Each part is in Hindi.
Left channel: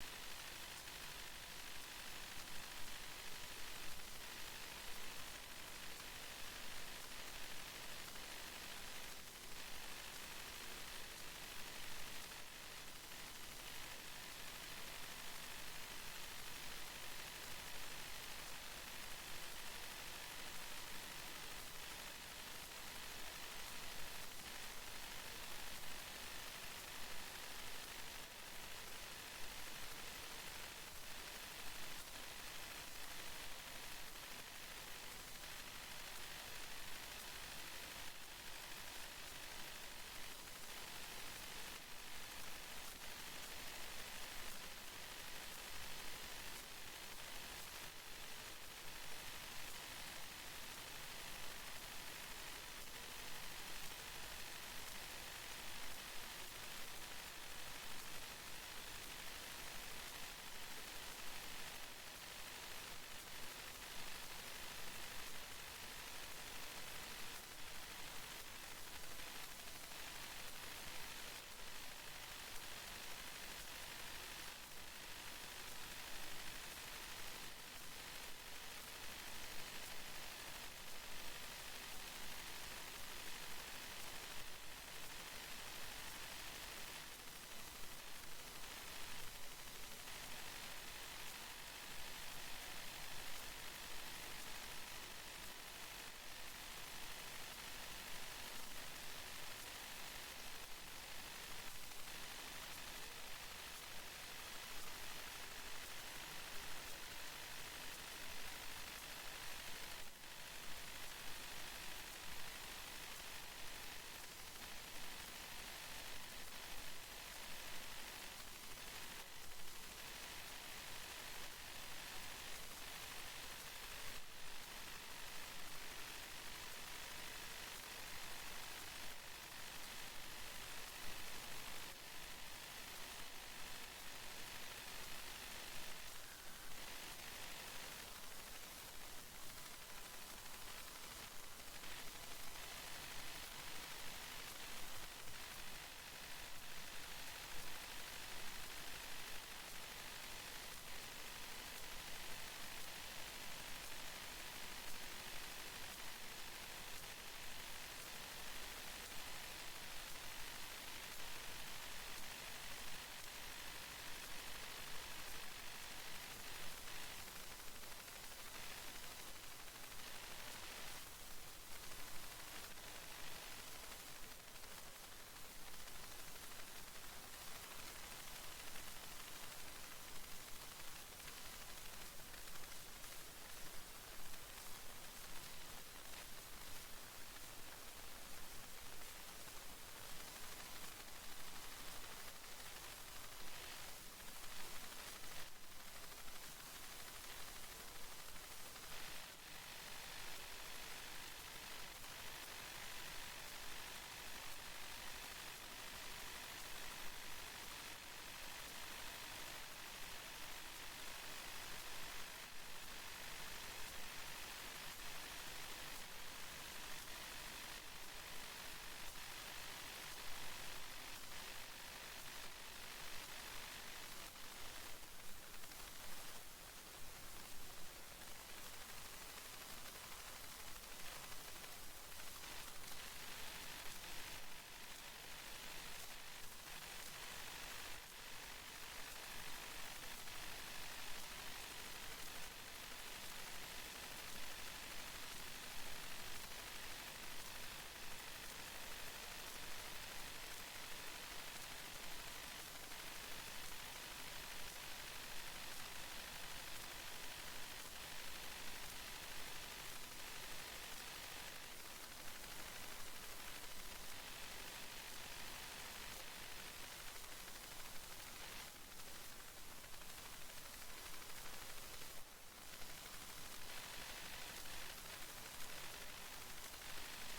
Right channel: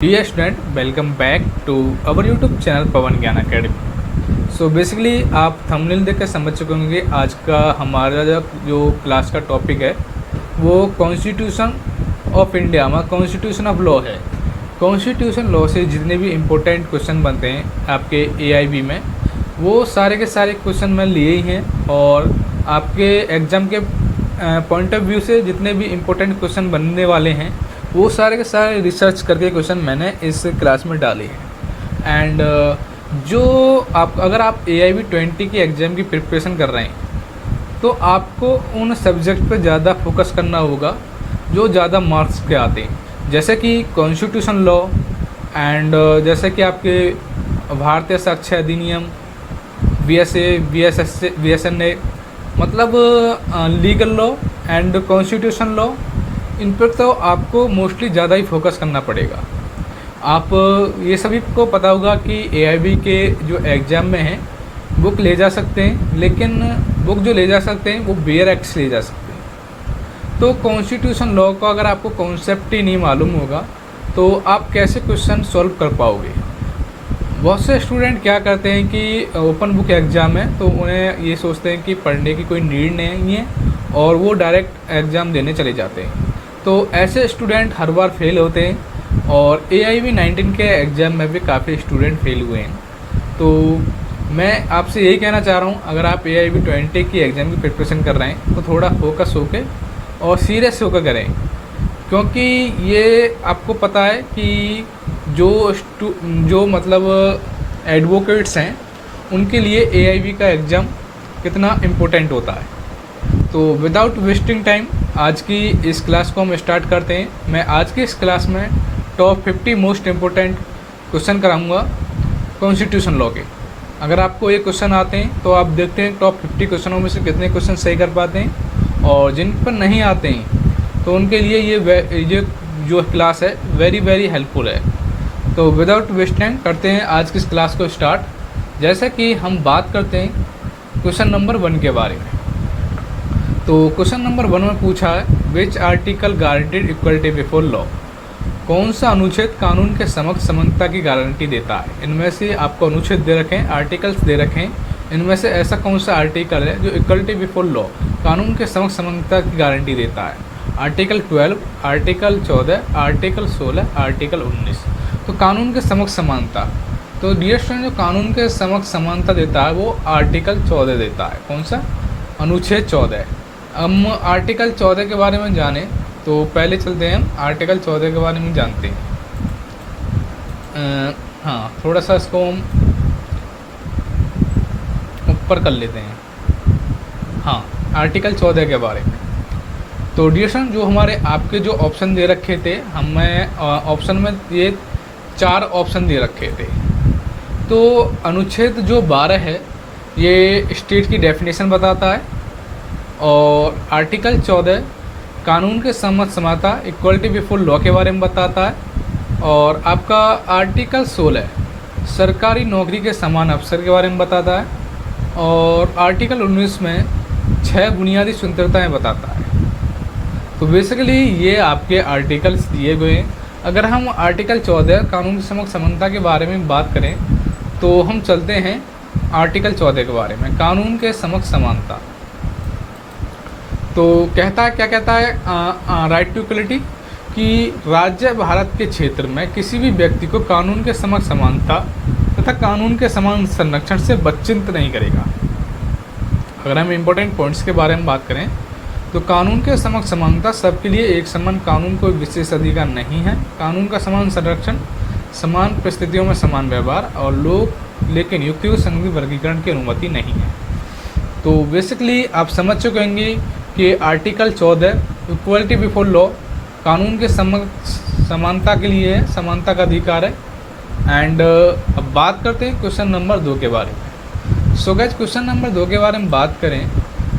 Dear student, welcome back to our YouTube channel Pawan Gyan academy. So basically आप थंबनेल देख कर समझ चुके होंगे आज का हमारा जो क्लास का टॉपिक है वो कॉन्स्टिट्यूशन ऑफ इंडिया में कॉन्स्टिट्यूशन ऑफ लॉ है। कॉन्स्टिट्यूशन लॉ से जितने भी इम्पोर्टेंट क्वेश्चन बनते हैं आपके एआईबी में, वो सारे के सारे क्वेश्चन मैं लिए ही हैं और आपके एग्ज़ाम के पॉइंट ऑफ व्यू से जितने भी इम्पोर्टेंट क्वेश्चन बनने वाले हैं वो सारे के सारे रिसर्च करके क्वेश्चन मैंने इस क्लास में डाले हैं। एंड जो आप अगर आप AIB 20 की एग्ज़ाम की प्रिपरेशन कर रहे हैं तो आपको उन सब्जेक्ट पर ज़्यादा फोकस करना होगा जो ज़्यादा मार्क्स के आते हैं, जैसे कि कॉन्स्टिट्यूशन लॉ एंड जैसे कि आपके भारतीय साक्ष्य अधिनियम, VSA, VSNA, मतलब legal law and constitution law, इन पर तो आपको मोस्टली ज़्यादा ही फोकस करना पड़ेगा। आप ये सभी को पता होगा कि AIB के जो एग्ज़ाम में हैं बुक ले जा सकते हैं, लेकिन बुक जो ले जा सकते हैं वो बेयर एक्ट ले जा सकते हैं। तो कॉन्स्टिट्यूशन लॉ का अगर आपको कॉन्सेप्ट ही नहीं मालूम होगा तो आप कैसे क्वेश्चन सॉल्व कर पाओगे। बहुत से स्टूडेंट क्या करते हैं कि ओपन बुक एग्ज़ाम है तो उन्हें ये सोचते हैं कि पढ़ने की कोई नीड नहीं है और वो डायरेक्ट एग्ज़ाम देने चले जाते हैं। तो ऐसे स्टूडेंट हर बार फेल होते हैं और AIB 19 के एग्ज़ाम में भी काफ़ी स्टूडेंट फेल हुए हैं। तो मैं आपसे यही कहना चाह रहा हूँ, अगर आप AIB 20 की एग्ज़ाम की प्रिपरेशन कर रहे हैं तो थोड़ा फोकस होकर और सीरियस होकर करें, क्योंकि ये आपको पता है कि जो मतलब एडवोकेट्स हैं उनके लिए AIB का एग्ज़ाम कितना इम्पोर्टेंट होता है। तो विदाउट वेस्टिंग टाइम आज की इस क्लास को हम स्टार्ट करते हैं। मैं आज की इस क्लास में टॉप 50 मोस्ट इम्पोर्टेंट क्वेश्चन कराऊंगा कॉन्स्टिट्यूशन लॉ के। अगर आपको ये क्वेश्चन आते हैं तो आप देखते हैं टॉप 50 क्वेश्चनों में से कितने क्वेश्चन सही कर पाते हैं, और जिन पर नहीं आते हैं तो उनके लिए ये जो क्लास है वेरी हेल्पफुल है। तो विदाउट वेस्ट टाइम करते हैं आज की इस क्लास को स्टार्ट। जैसे कि हम बात करते हैं क्वेश्चन नंबर 1 के बारे में। तो क्वेश्चन नंबर 1 में पूछा है which article guaranteed equality before law. कौन सा अनुच्छेद कानून के समक्ष समानता की गारंटी देता है। इनमें से आपको अनुच्छेद दे रखे हैं, आर्टिकल्स दे रखे हैं, इनमें से ऐसा कौन सा आर्टिकल है जो इक्वलिटी बिफोर लॉ कानून के समक्ष समानता की गारंटी देता है। Article 12, article 14, article 16, article 19। तो कानून के समक्ष समानता, तो डियर स्टूडेंट जो कानून के समक्ष समानता देता है वो आर्टिकल 14 देता है। कौन सा? अनुच्छेद 14। हम आर्टिकल 14 के बारे में जाने तो पहले चलते हैं हम आर्टिकल 14 के बारे में जानते हैं। हाँ, थोड़ा सा इसको हम ऊपर कर लेते हैं। हाँ, आर्टिकल 14 के बारे में। तो डियर जो हमारे आपके जो ऑप्शन दे रखे थे, हमें ऑप्शन में ये 4 ऑप्शन दे रखे थे। तो अनुच्छेद जो 12 है ये स्टेट की डेफिनेशन बताता है, और आर्टिकल 14 कानून के समक्ष समानता इक्वलिटी बिफोर लॉ के बारे में बताता है, और आपका आर्टिकल 16 सरकारी नौकरी के समान अवसर के बारे में बताता है, और आर्टिकल 19 में 6 बुनियादी स्वतंत्रताएं बताता है। तो बेसिकली ये आपके आर्टिकल्स दिए गए हैं। अगर हम आर्टिकल 14 कानून के समक्ष समानता के बारे में बात करें तो हम चलते हैं आर्टिकल 14 के बारे में, कानून के समक्ष समानता। तो कहता है, क्या कहता है राइट टू इक्वलिटी, कि राज्य भारत के क्षेत्र में किसी भी व्यक्ति को कानून के समक्ष समानता तथा कानून के समान संरक्षण से वंचित नहीं करेगा। अगर हम इम्पोर्टेंट पॉइंट्स के बारे में बात करें तो कानून के समक्ष समानता सबके लिए एक समान कानून कोई विशेष अधिकार नहीं है। कानून का समान संरक्षण, समान परिस्थितियों में समान व्यवहार और लोग लेकिन युक्तियों संघी वर्गीकरण की अनुमति नहीं है। तो बेसिकली आप समझ चुके होंगे कि आर्टिकल 14 इक्वलिटी बिफोर लॉ कानून के समक्ष समानता के लिए है, समानता का अधिकार है। एंड अब बात करते हैं क्वेश्चन नंबर 2 के बारे में। सो गाइस, क्वेश्चन नंबर 2 के बारे में बात करें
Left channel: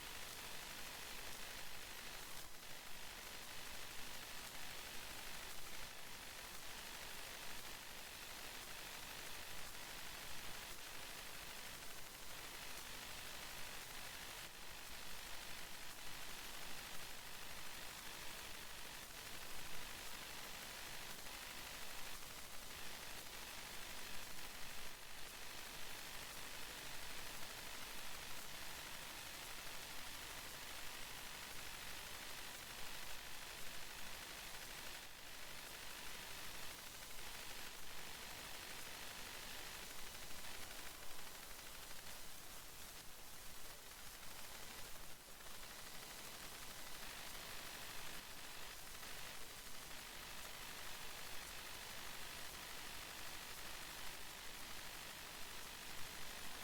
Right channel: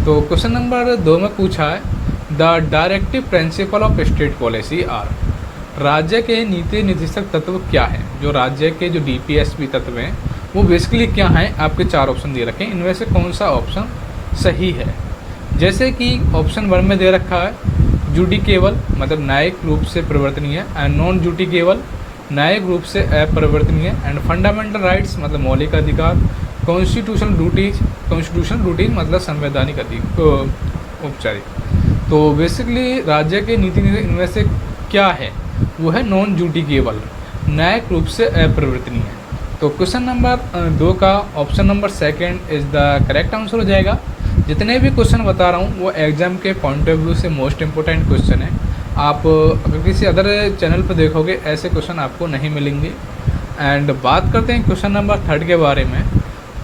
तो क्वेश्चन नंबर 2 में पूछा है the directive principle of state policy are. राज्य के नीति निर्देशक तत्व क्या है। जो राज्य के जो DPSP तत्व हैं वो बेसिकली क्या हैं, आपके 4 ऑप्शन दे रखे हैं, इनमें से कौन सा ऑप्शन सही है। जैसे कि ऑप्शन 1 में दे रखा है जुडिकेबल, मतलब न्यायिक रूप से परिवर्तनीय, एंड नॉन जुडिकेबल न्यायिक रूप से अपरिवर्तनीय, एंड फंडामेंटल राइट्स मतलब मौलिक अधिकार, कॉन्स्टिट्यूशनल ड्यूटीज मतलब संवैधानिक औपचारिक। तो बेसिकली राज्य के नीति नियम इनमें से क्या है, वो है नॉन जूडिशियल, न्यायिक रूप से अपरिवर्तनीय। तो क्वेश्चन नंबर 2 का option number second is the correct answer हो जाएगा। जितने भी क्वेश्चन बता रहा हूँ वो एग्जाम के पॉइंट ऑफ व्यू से मोस्ट इंपॉर्टेंट क्वेश्चन है। आप अगर किसी अदर चैनल पर देखोगे ऐसे क्वेश्चन आपको नहीं मिलेंगे। एंड बात करते हैं क्वेश्चन नंबर 3 के बारे में।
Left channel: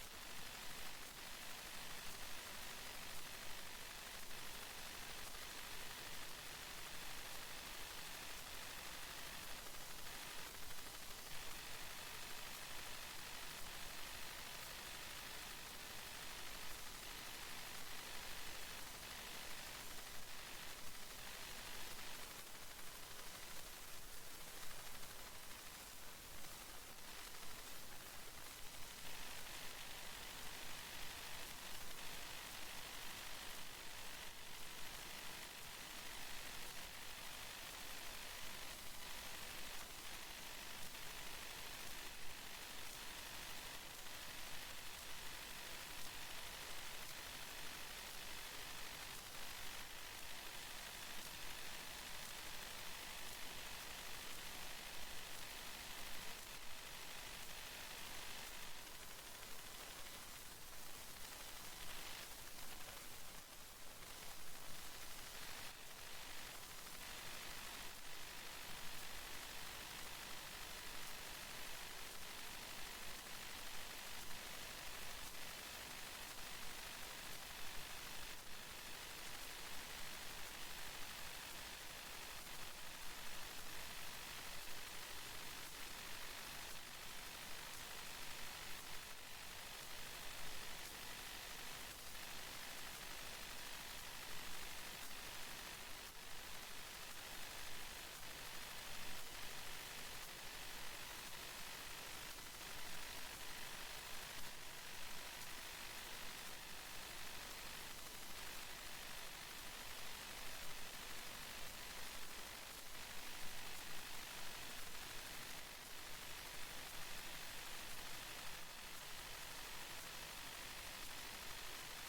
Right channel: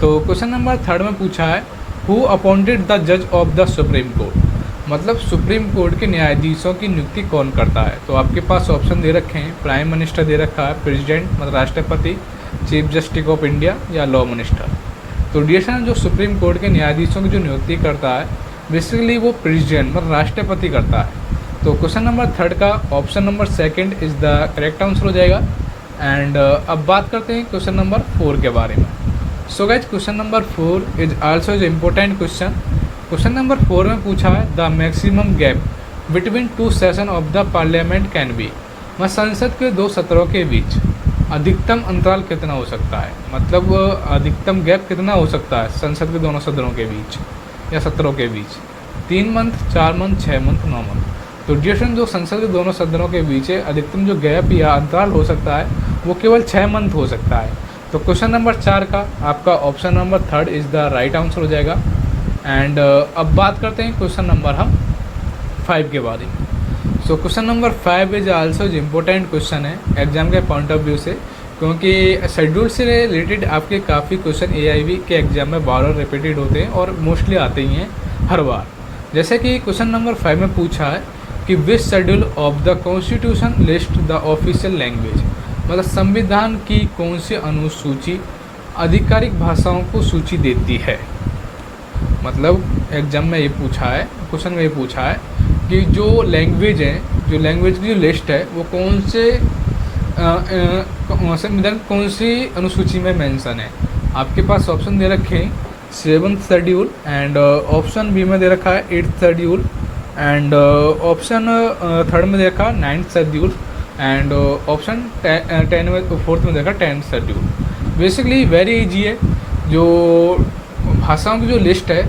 तो क्वेश्चन नंबर 3 में पूछा है हु अपॉइंटेड द जज ऑफ द सुप्रीम कोर्ट, मतलब सुप्रीम कोर्ट के न्यायाधीशों की नियुक्ति कौन करता है। तो आपके पास ऑप्शन दे रखे हैं, प्राइम मिनिस्टर दे रखा है, प्रेसिडेंट मतलब राष्ट्रपति, चीफ जस्टिस ऑफ इंडिया या लॉ मिनिस्टर। तो डियरेक्शन जो सुप्रीम कोर्ट के न्यायाधीशों की जो नियुक्ति करता है बेसिकली वो प्रेसिडेंट मतलब राष्ट्रपति करता है। तो क्वेश्चन नंबर 3 का option number second is the correct answer हो जाएगा। एंड अब बात करते हैं क्वेश्चन नंबर 4 के बारे में। So guys question number 4 is also is important question. Question number 4 में पूछा है the maximum gap between 2 session of the parliament can be, मतलब संसद के 2 सत्रों के बीच अधिकतम अंतराल कितना हो सकता है, मतलब अधिकतम गैप कितना हो सकता है संसद के दोनों सदनों के बीच या सत्रों के बीच, 3 मंथ, 4 मंथ, 6 मंथ, 9 मंथ। तो ड्यूरेशन जो संसद के दोनों सदनों के बीच है अधिकतम जो गैप या अंतराल हो सकता है वो केवल 6 मंथ हो सकता है। तो क्वेश्चन नंबर 4 का आपका option number 3 is the right answer हो जाएगा। एंड अब बात करते हैं क्वेश्चन नंबर 5 के बारे में। So question number 5 is also important question है एग्जाम के पॉइंट ऑफ व्यू से, क्योंकि शेड्यूल से रिलेटेड आपके काफ़ी क्वेश्चन AIV के एग्जाम में बार बार रिपीटेड होते हैं और मोस्टली आते ही हैं हर बार। जैसे कि क्वेश्चन नंबर 5 में पूछा है कि which schedule of the constitution list the official language, मतलब संविधान की कौन सी अनुसूची आधिकारिक भाषाओं को सूची देती है। मतलब एग्जाम में ये पूछा है, क्वेश्चन में ये पूछा है कि जो लैंग्वेज है, जो लैंग्वेज की जो लिस्ट है वो कौन से संविधान कौन सी अनुसूची में मेंशन है। आपके पास ऑप्शन दे रखे हैं 7th schedule, and option B में दे रखा है 8th schedule, and option 3rd में दे रखा है 9th schedule, and option 4th में देखा 10th schedule. Basically very easy है, जो भाषाओं की जो लिस्ट है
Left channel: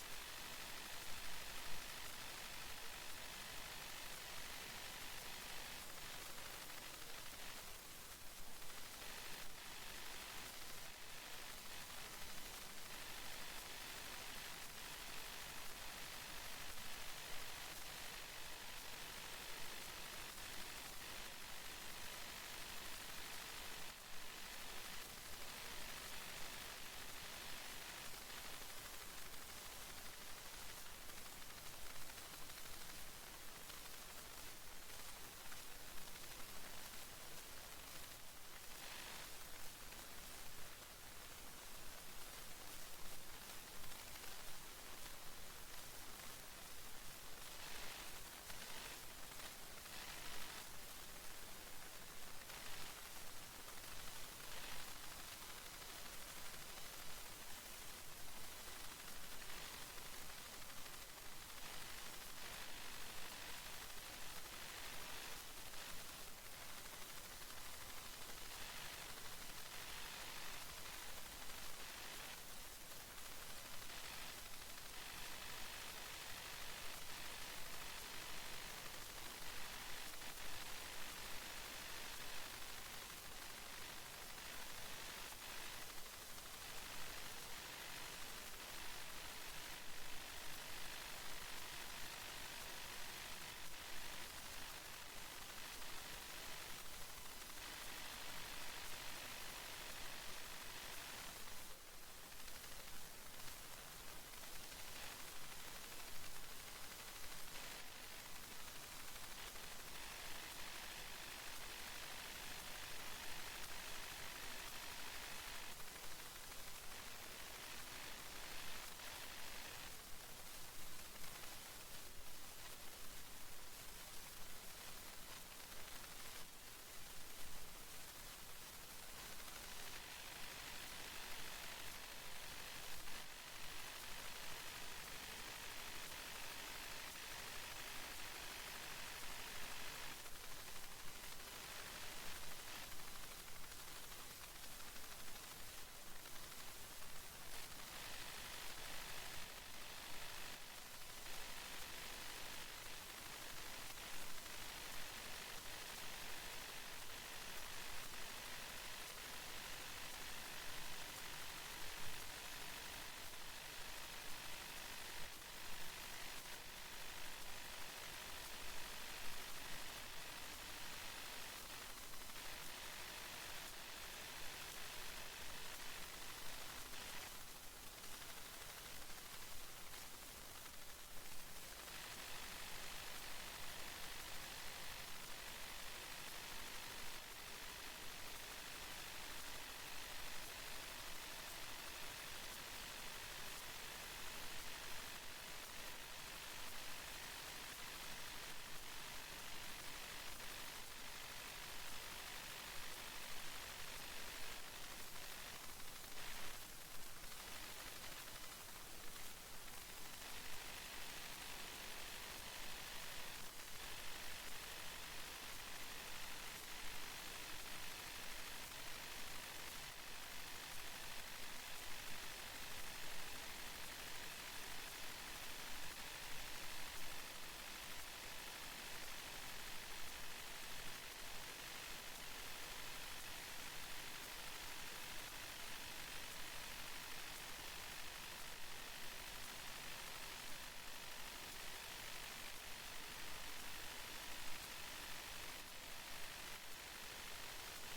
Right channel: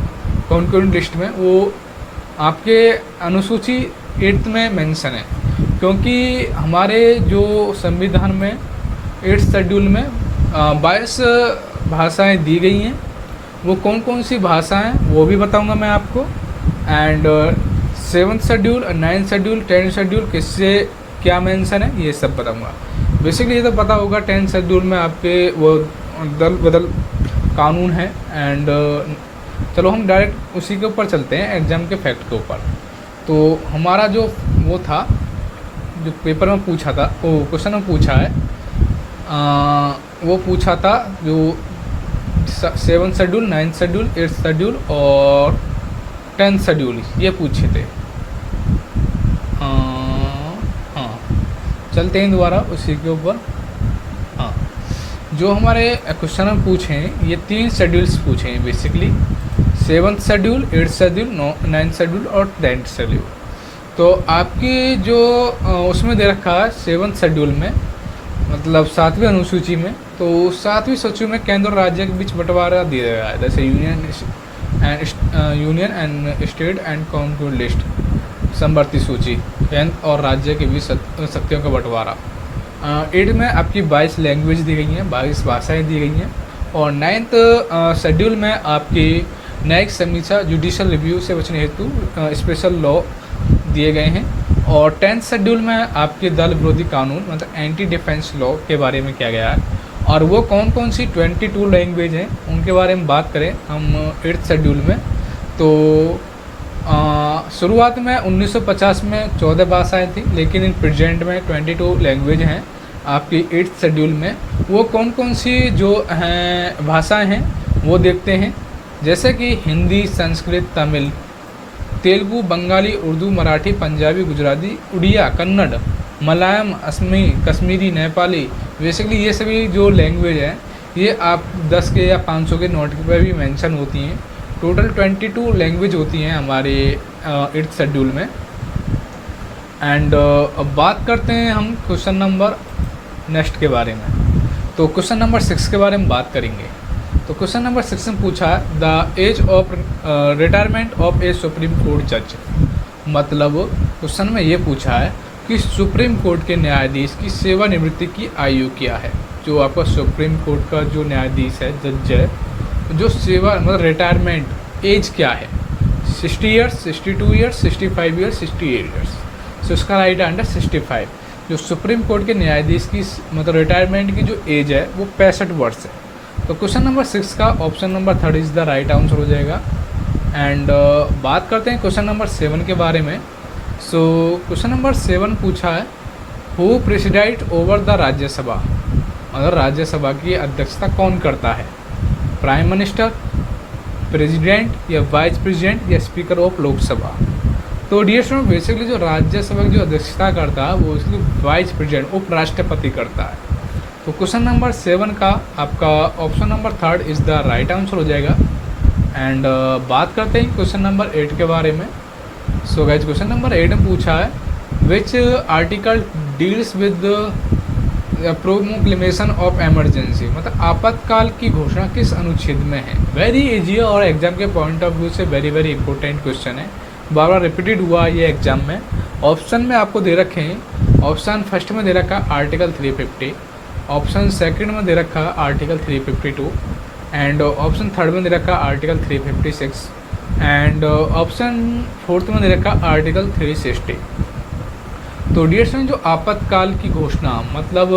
कौन कौन लिस्ट में वो आपके अनुसूची 8th में मेंशन है, क्योंकि हमारे जो संविधान में 8th शेड्यूल में 22 भाषाएं दी गई हैं। वो कौन कौन सी भाषाएं वो भी बताऊंगा मैं आपको। And 7th schedule, 9th schedule, 10th schedule किससे क्या मेंशन है ये सब बताऊंगा। बेसिकली ये तो पता होगा 10th शेड्यूल में आपके वो दल बदल कानून है। एंड चलो हम डायरेक्ट उसी के ऊपर चलते हैं, एग्ज़ाम के फैक्ट के ऊपर। तो हमारा जो वो था जो पेपर में पूछा था, वो क्वेश्चन में पूछा है वो पूछा था जो 7th schedule, 9th schedule, 8th schedule और 10th शेड्यूल ये पूछे थे। हाँ चलते हैं दोबारा उसी के ऊपर। हाँ जो हमारे क्वेश्चन में पूछे हैं ये 3 शेड्यूल्स पूछे हैं basically, 7th schedule, 8th schedule, 9th schedule और 10th शेड्यूल। तो आपकी जो उसमें दे रखा है 7th शेड्यूल में, मतलब 7वीं अनुसूची में, तो 7वीं सूची में केंद्र और राज्य के बीच बंटवारा दिया गया है, जैसे union and state and county list, समवर्ती सूची, केंद्र और राज्य के बीच शक्तियों का बंटवारा। 8 में आपकी 22 लैंग्वेज दी गई हैं, 22 भाषाएँ दी गई हैं। और 9th शेड्यूल में आपकी न्यायिक समीक्षा जुडिशल रिव्यू से बचने हेतु स्पेशल लॉ दिए गए हैं। और 10th शेड्यूल में आपके दल विरोधी कानून मतलब एंटी डिफेंस लॉ के बारे में किया गया है। और वो कौन कौन सी 22 लैंग्वेज हैं उनके बारे में बात करें हम 8th शेड्यूल में, तो शुरुआत में 1950 में 14 भाषाएँ थी, लेकिन इन प्रेजेंट में 22 लैंग्वेज हैं आपकी 8th शेड्यूल में। वो कौन कौन सी जो हैं भाषाएँ हैं वो देखते हैं, जैसे कि हिंदी, संस्कृत, तमिल, तेलुगु, बंगाली, उर्दू, मराठी, पंजाबी, गुजराती, उड़िया, कन्नड़, मलयालम, असमी, कश्मीरी, नेपाली। बेसिकली ये सभी जो लैंग्वेज है ये आप 10 के या 500 के नोट पर भी मेंशन होती हैं। टोटल 22 लैंग्वेज होती हैं हमारे 8th शेड्यूल में। एंड अब बात करते हैं हम क्वेश्चन नंबर नेक्स्ट के बारे में। तो क्वेश्चन नंबर 6 के बारे में बात करेंगे। तो क्वेश्चन नंबर 6 में पूछा है the age of retirement of a supreme court जज। मतलब क्वेश्चन में ये पूछा है कि सुप्रीम कोर्ट के न्यायाधीश की सेवानिवृत्ति की आयु क्या है। जो आपका सुप्रीम कोर्ट का जो न्यायाधीश है, जज है, जो सेवा मतलब रिटायरमेंट एज क्या है, 60 ईयर्स, 62 ईयर्स, 65 ईयर्स, 68 ईयर्स। सो इसका राइट आंसर 65। जो सुप्रीम कोर्ट के न्यायाधीश की मतलब रिटायरमेंट की जो एज है वो 65 वर्ष है। तो क्वेश्चन नंबर 6 का option number 3 is the right answer हो जाएगा। एंड बात करते हैं क्वेश्चन नंबर 7 के बारे में। सो क्वेश्चन नंबर 7 पूछा है who presided over the Rajya Sabha. मतलब राज्यसभा की अध्यक्षता कौन करता है, प्राइम मिनिस्टर, प्रेसिडेंट या वाइस प्रेसिडेंट या स्पीकर ऑफ लोकसभा। तो डियर स्टूडेंट बेसिकली जो राज्यसभा की जो अध्यक्षता करता है वो इसलिए वाइस प्रेसिडेंट उपराष्ट्रपति करता है। तो क्वेश्चन नंबर 7 का आपका option number 3 is the right answer हो जाएगा। एंड बात करते हैं क्वेश्चन नंबर 8 के बारे में। सो गाइस क्वेश्चन नंबर 8 में पूछा है which article deals with proclamation of emergency. मतलब आपातकाल की घोषणा किस अनुच्छेद में है। वेरी इजी है और एग्जाम के पॉइंट ऑफ व्यू से वेरी वेरी इंपॉर्टेंट क्वेश्चन है, बार बार रिपीटेड हुआ ये एग्जाम में। ऑप्शन में आपको दे रखे हैं, ऑप्शन फर्स्ट में दे रखा आर्टिकल 350, ऑप्शन सेकंड में दे रखा आर्टिकल 352 एंड ऑप्शन थर्ड में दे रखा आर्टिकल 356 एंड ऑप्शन फोर्थ में दे रखा आर्टिकल 360। तो डियर स्टूडेंट जो आपातकाल की घोषणा मतलब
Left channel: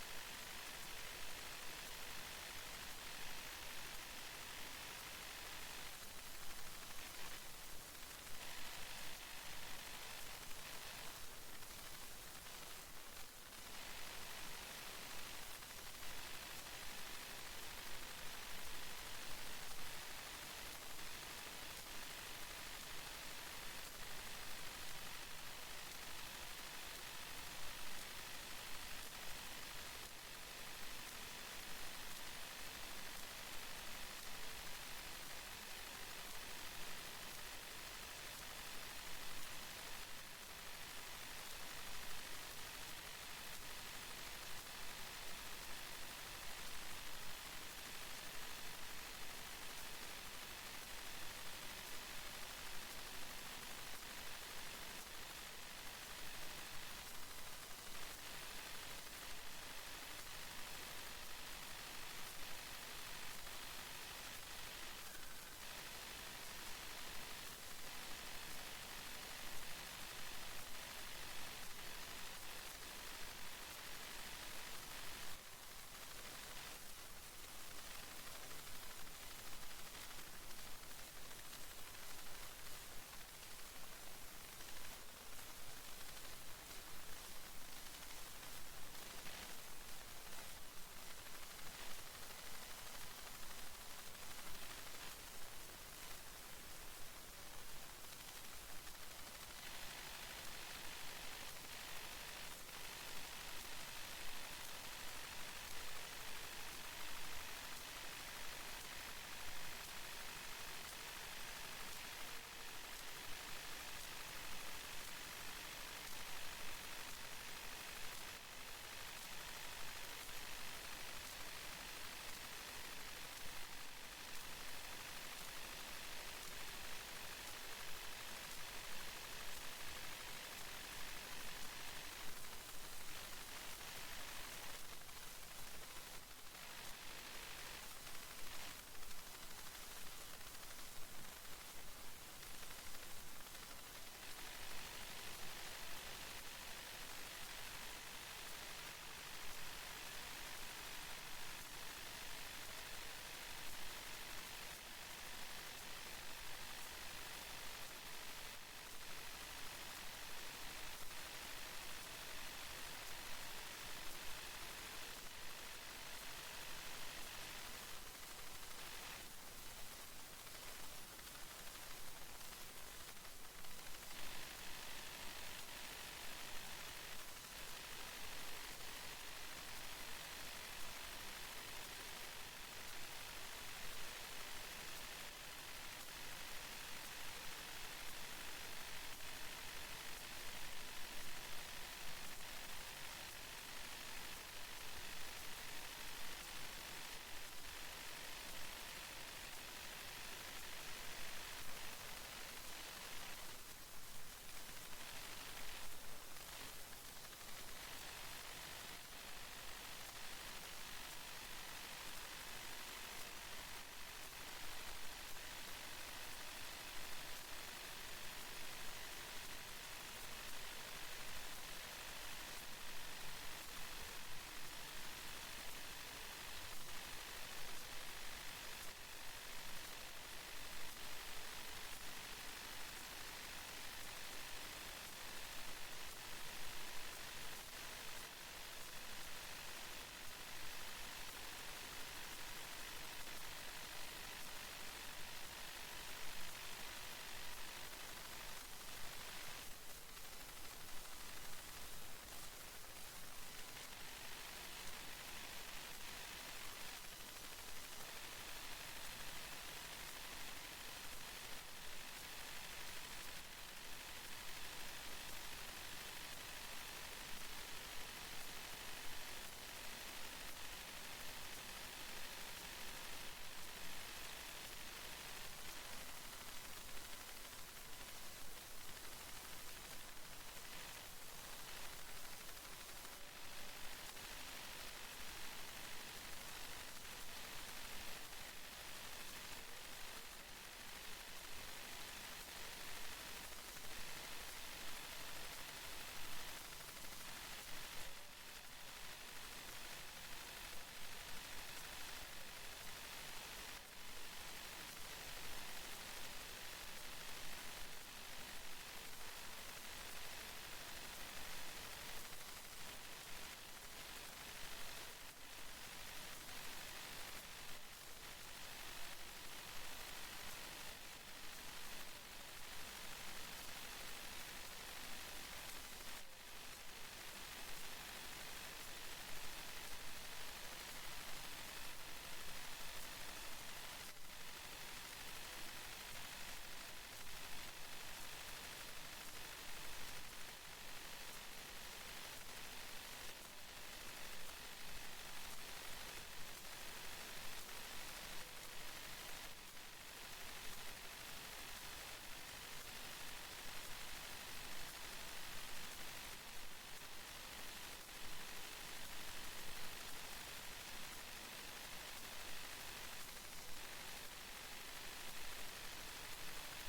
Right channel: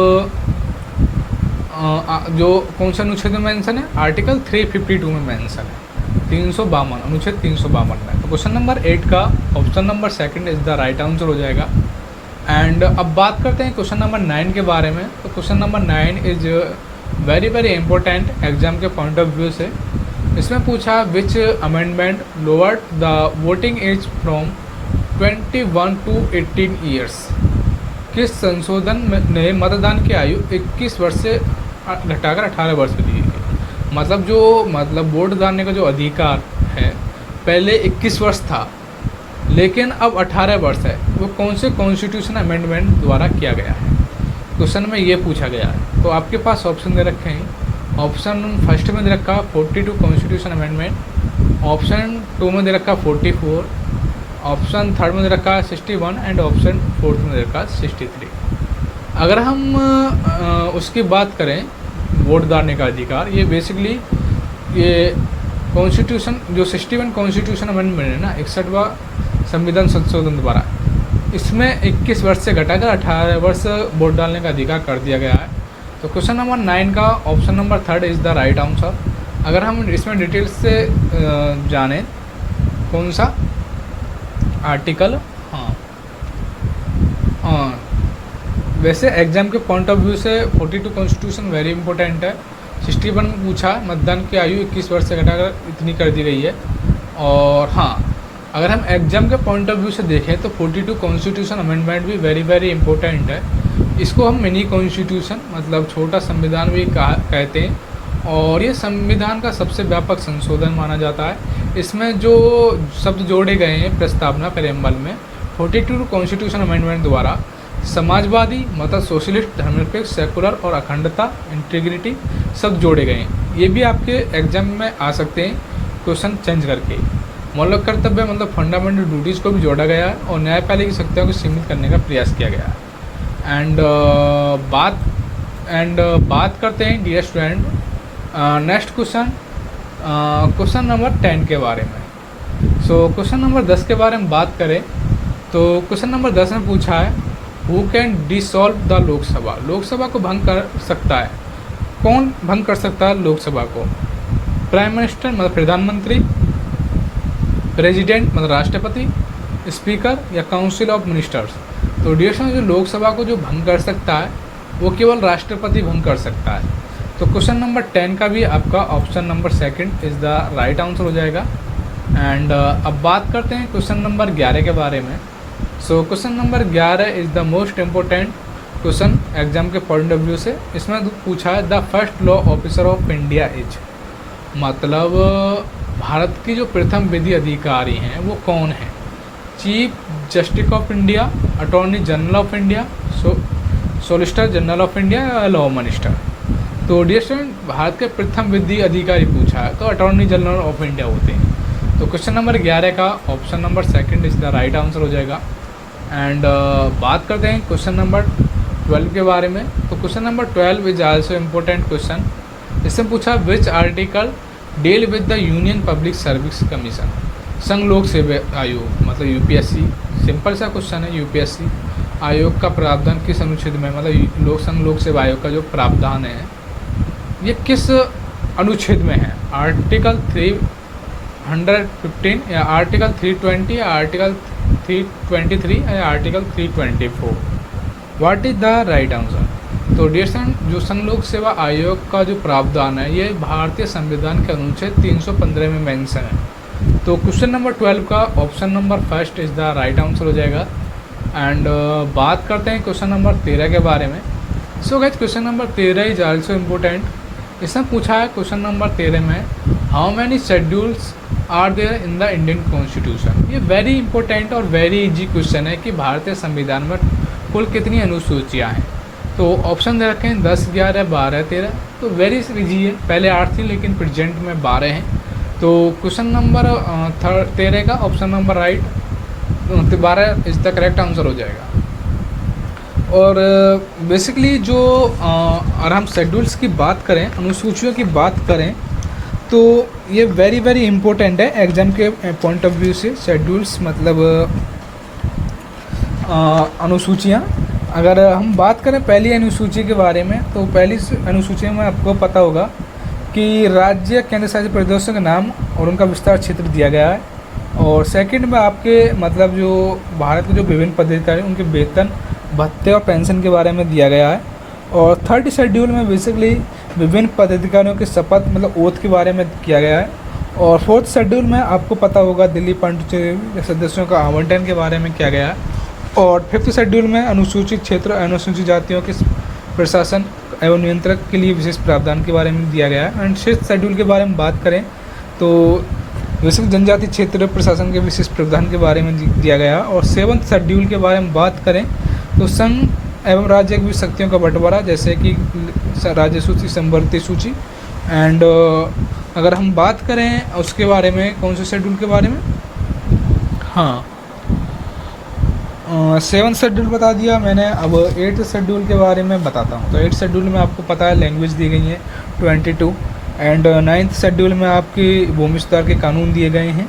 जो कौन सा अनुच्छेद में मेंशन है, आर्टिकल 352 में मेंशन है, 352 अनुच्छेद 352 में। तो क्वेश्चन नंबर 8 का option number second is the right answer हो जाएगा। एंड अब बात करते हैं क्वेश्चन नंबर 9 के बारे में। तो question number 9 is very very important exam के पॉइंट ऑफ व्यू से। इसमें पूछा which amendment lowered the voting age from 21 to 18 years. किस संशोधन ने मतदान की आयु 21 वर्ष से घटाकर 18 वर्ष कर दी गई। मतलब वोट डालने का जो अधिकार है पहले 21 वर्ष था लेकिन अब 18 वर्ष है। वो कौन से कॉन्स्टिट्यूशन अमेंडमेंट द्वारा किया गया है, क्वेश्चन में ये पूछा गया है। तो आपके पास ऑप्शन दे रखे हैं, ऑप्शन फर्स्ट में दे रखा 42 कॉन्स्टिट्यूशन अमेंडमेंट, ऑप्शन 2 में दे रखा 44, ऑप्शन थर्ड में दे रखा 61 एंड ऑप्शन फोर्थ में दे रखा 63। अगर हम उसकी बात करें वोट डालने का अधिकार, ये बेसिकली ये कॉन्स्टिट्यूशन जो 61 कॉन्स्टिट्यूशन अमेंडमेंट है ना, 61वां संविधान संशोधन द्वारा, इसमें 21 वर्ष से घटाकर 18 वर्ष वोट डालने का अधिकार कर दिया गया है। तो क्वेश्चन नंबर 9 का option number 3 is the right answer. अगर हम इसमें डिटेल्स से जानें कौन सा आर्टिकल, हाँ वैसे एग्जाम के पॉइंट ऑफ व्यू से 42 कॉन्स्टिट्यूशन वेरी इंपॉर्टेंट है। 61 में पूछा मतदान की आयु 21 वर्ष से घटाकर इतनी कर दी गई है। और हाँ अगर हम एग्जाम के पॉइंट ऑफ व्यू से देखें तो 42 कॉन्स्टिट्यूशन अमेंडमेंट भी वेरी वेरी इंपॉर्टेंट है। इसको हम मिनी कॉन्स्टिट्यूशन मतलब छोटा संविधान भी कहते हैं और ये संविधान का सबसे व्यापक संशोधन माना जाता है। इसमें जो शब्द जोड़े गए हैं प्रस्तावना प्रेम्बल में 42 कॉन्स्टिट्यूशन अमेंडमेंट द्वारा समाजवादी मतलब सोशलिस्ट, धर्मनिरपेक्ष, सेकुलर और अखंडता इंटीग्रिटी शब्द जोड़े गए हैं। ये भी आपके एग्जाम में आ सकते हैं क्वेश्चन चेंज करके। मौलिक कर्तव्य मतलब फंडामेंटल ड्यूटीज़ को भी जोड़ा गया है और न्यायपालिका की शक्तियों को सीमित करने का प्रयास किया गया है। एंड बात करते हैं dear student next question number 10 के बारे में। सो क्वेश्चन नंबर 10 के बारे में बात करें तो क्वेश्चन नंबर 10 में पूछा है who can dissolve the Lok Sabha. Lok Sabha को भंग कर सकता है, कौन भंग कर सकता है लोकसभा को, प्राइम मिनिस्टर मतलब प्रधानमंत्री, प्रेसिडेंट मतलब राष्ट्रपति, स्पीकर या काउंसिल ऑफ मिनिस्टर्स। तो डियर जो लोकसभा को जो भंग कर सकता है वो केवल राष्ट्रपति भंग कर सकता है। तो क्वेश्चन नंबर 10 का भी आपका option number second is the right answer हो जाएगा। एंड अब बात करते हैं क्वेश्चन नंबर 11 के बारे में। So question number 11 is the most important question exam के पॉइंट ऑफ व्यू से। इसमें पूछा है the first law officer of India is, मतलब भारत की जो प्रथम विधि अधिकारी हैं वो कौन है। Chief justice of India, attorney general of India, solicitor general of India या लॉ मिनिस्टर? तो डियर स्टूडेंट, भारत के प्रथम विधि अधिकारी पूछा है तो अटॉर्नी जनरल ऑफ इंडिया होते हैं। तो क्वेश्चन नंबर 11 का option number second is the right answer हो जाएगा। एंड बात करते हैं क्वेश्चन नंबर 12 के बारे में। तो question number 12 is also important question. इसमें पूछा which article deal with the union public service commission, संघ लोक सेवा आयोग मतलब यूपीएससी। सिंपल सा क्वेश्चन है, यूपीएससी आयोग का प्रावधान किस अनुच्छेद में, मतलब संघ लोक सेवा आयोग का जो प्रावधान है ये किस अनुच्छेद में है? आर्टिकल 315 या आर्टिकल 320 या आर्टिकल 323 या article 324? What is the right answer? तो डियर स्टूडेंट, जो संघ लोक सेवा आयोग का जो प्रावधान है ये भारतीय संविधान के अनुच्छेद 315 में मेंशन है। तो क्वेश्चन नंबर 12 का option number first is the right answer हो जाएगा। एंड बात करते हैं क्वेश्चन नंबर 13 के बारे में। So guys, question number 13 is also important. इसमें पूछा है क्वेश्चन नंबर 13 में how many schedules are there in the Indian constitution. ये वेरी इंपॉर्टेंट और वेरी इजी क्वेश्चन है कि भारतीय संविधान में कुल कितनी अनुसूचियाँ हैं। तो ऑप्शन दे रखे हैं 10, 11, 12, 13। तो वेरी इजी है, पहले 8 थी लेकिन प्रेजेंट में 12 हैं। तो क्वेश्चन नंबर 13 का option number right 12 is the correct answer हो जाएगा। और बेसिकली जो अगर हम शेड्यूल्स की बात करें, अनुसूचियों की बात करें, तो ये वेरी वेरी इंपॉर्टेंट है एग्ज़ाम के पॉइंट ऑफ व्यू से। शेड्यूल्स मतलब अनुसूचियाँ। अगर हम बात करें पहली अनुसूची के बारे में, तो पहली अनुसूची में आपको पता होगा कि राज्य केंद्र शासित प्रदेशों के नाम और उनका विस्तार क्षेत्र दिया गया है। और सेकंड में आपके मतलब जो भारत के जो विभिन्न पदाधिकारी उनके वेतन, भत्ते और पेंशन के बारे में दिया गया है। और थर्ड शेड्यूल में बेसिकली विभिन्न पदाधिकारियों की शपथ मतलब ओथ के बारे में किया गया है। और फोर्थ शेड्यूल में आपको पता होगा दिल्ली पांडिचेरी सदस्यों का आवंटन के बारे में किया गया है। और फिफ्थ शेड्यूल में अनुसूचित क्षेत्र अनुसूचित जातियों के प्रशासन एवं नियंत्रक के लिए विशेष प्रावधान के बारे में दिया गया है। एंड सिक्स्थ शेड्यूल के बारे में बात करें तो विशेष जनजाति क्षेत्र प्रशासन के विशेष प्रावधान के बारे में दिया गया है। और सेवंथ शेड्यूल के बारे में बात करें तो संघ एवं राज्य की शक्तियों का बंटवारा, जैसे कि राज्य सूची, संवर्ती सूची। एंड अगर हम बात करें उसके बारे में, कौन से शेड्यूल के बारे में, हाँ सेवन्थ शेड्यूल बता दिया मैंने। अब एट्थ शेड्यूल के बारे में बताता हूँ। तो एट्थ शेड्यूल में आपको पता है लैंग्वेज दी गई है 22। एंड नाइन्थ शेड्यूल में आपकी भूमि सुधार के कानून दिए गए हैं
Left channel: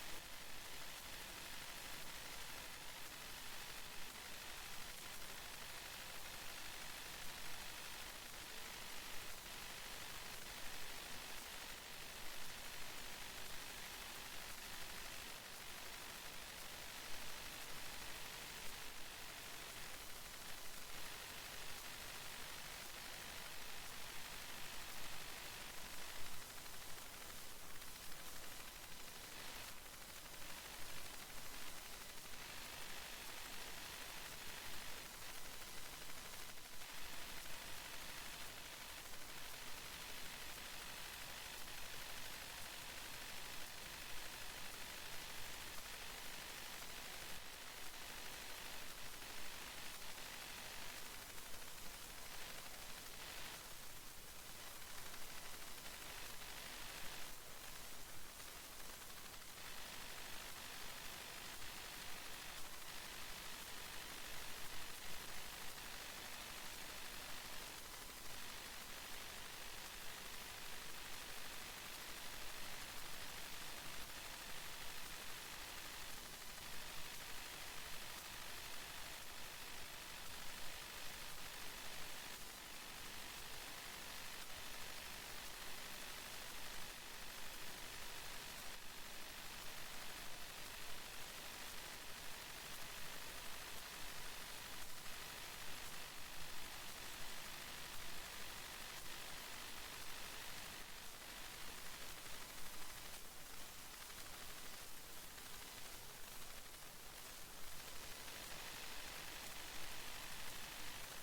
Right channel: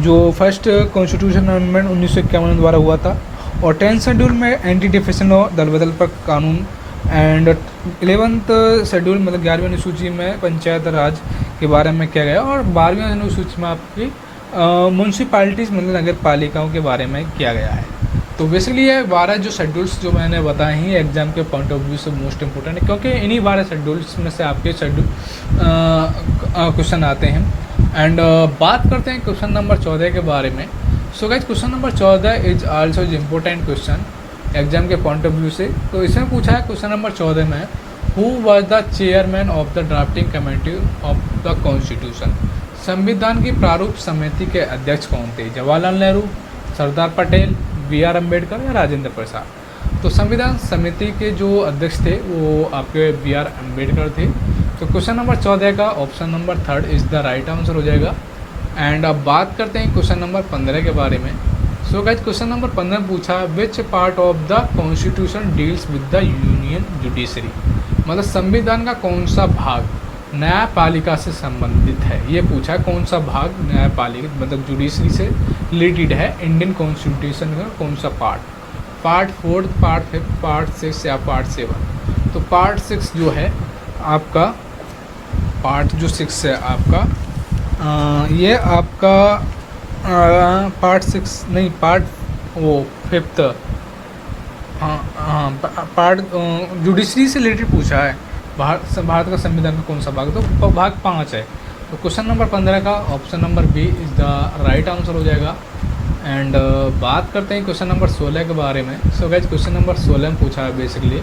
जो फर्स्ट कॉन्स्टिट्यूशन अमेंडमेंट 1951 द्वारा हुआ था। और टेंथ शेड्यूल में एंटी डिफेक्शन लॉ, दल बदल पर कानून। एंड 11th शेड्यूल मतलब 11वीं अनुसूची में पंचायत राज के बारे में किया गया। और 12वीं अनुसूची में आपकी म्यूनसिपालिटीज़ मतलब नगर पालिकाओं के बारे में किया गया है। तो बेसिकली ये 12 जो शेड्यूल्स जो मैंने बताए हैं एग्जाम के पॉइंट ऑफ व्यू से मोस्ट इंपॉर्टेंट है, क्योंकि इन्हीं 12 शेड्यूल्स में से आपके शेड्यूल क्वेश्चन आते हैं। एंड बात करते हैं क्वेश्चन नंबर 14 के बारे में। So guys, question number 14 is also important question exam के पॉइंट ऑफ व्यू से। तो इसमें पूछा है क्वेश्चन नंबर 14 में who was the chairman of the drafting committee of the constitution. संविधान की प्रारूप समिति के अध्यक्ष कौन थे? जवाहरलाल नेहरू, सरदार पटेल, BR अम्बेडकर या राजेंद्र प्रसाद? तो संविधान समिति के जो अध्यक्ष थे वो आपके BR अम्बेडकर थे। तो क्वेश्चन नंबर 14 का option number third is the right answer हो जाएगा। एंड अब बात करते हैं क्वेश्चन नंबर 15 के बारे में। सो गाइस, क्वेश्चन नंबर 15 पूछा which part of the constitution deals with the union judiciary. मतलब संविधान का कौन सा भाग न्यायपालिका से संबंधित है। ये पूछा है कौन सा भाग न्यायपालिका मतलब जुडिशरी से रिलेटेड है इंडियन कॉन्स्टिट्यूशन का कौन सा पार्ट 4, पार्ट 5, पार्ट 6 या पार्ट 7। तो पार्ट 6 जो है आपका, पार्ट जो 6 है आपका ये आपका पार्ट 6 नहीं, पार्ट वो 5th, हाँ पार्ट जुडिशरी से रिलेटेड पूछा है। भारत का संविधान का कौन सा भाग? तो भाग 5 है। तो क्वेश्चन नंबर 15 का option number B is the right answer हो जाएगा। एंड बात करते हैं क्वेश्चन नंबर 16 के बारे में। सो गाइस, क्वेश्चन नंबर 16 में पूछा है basically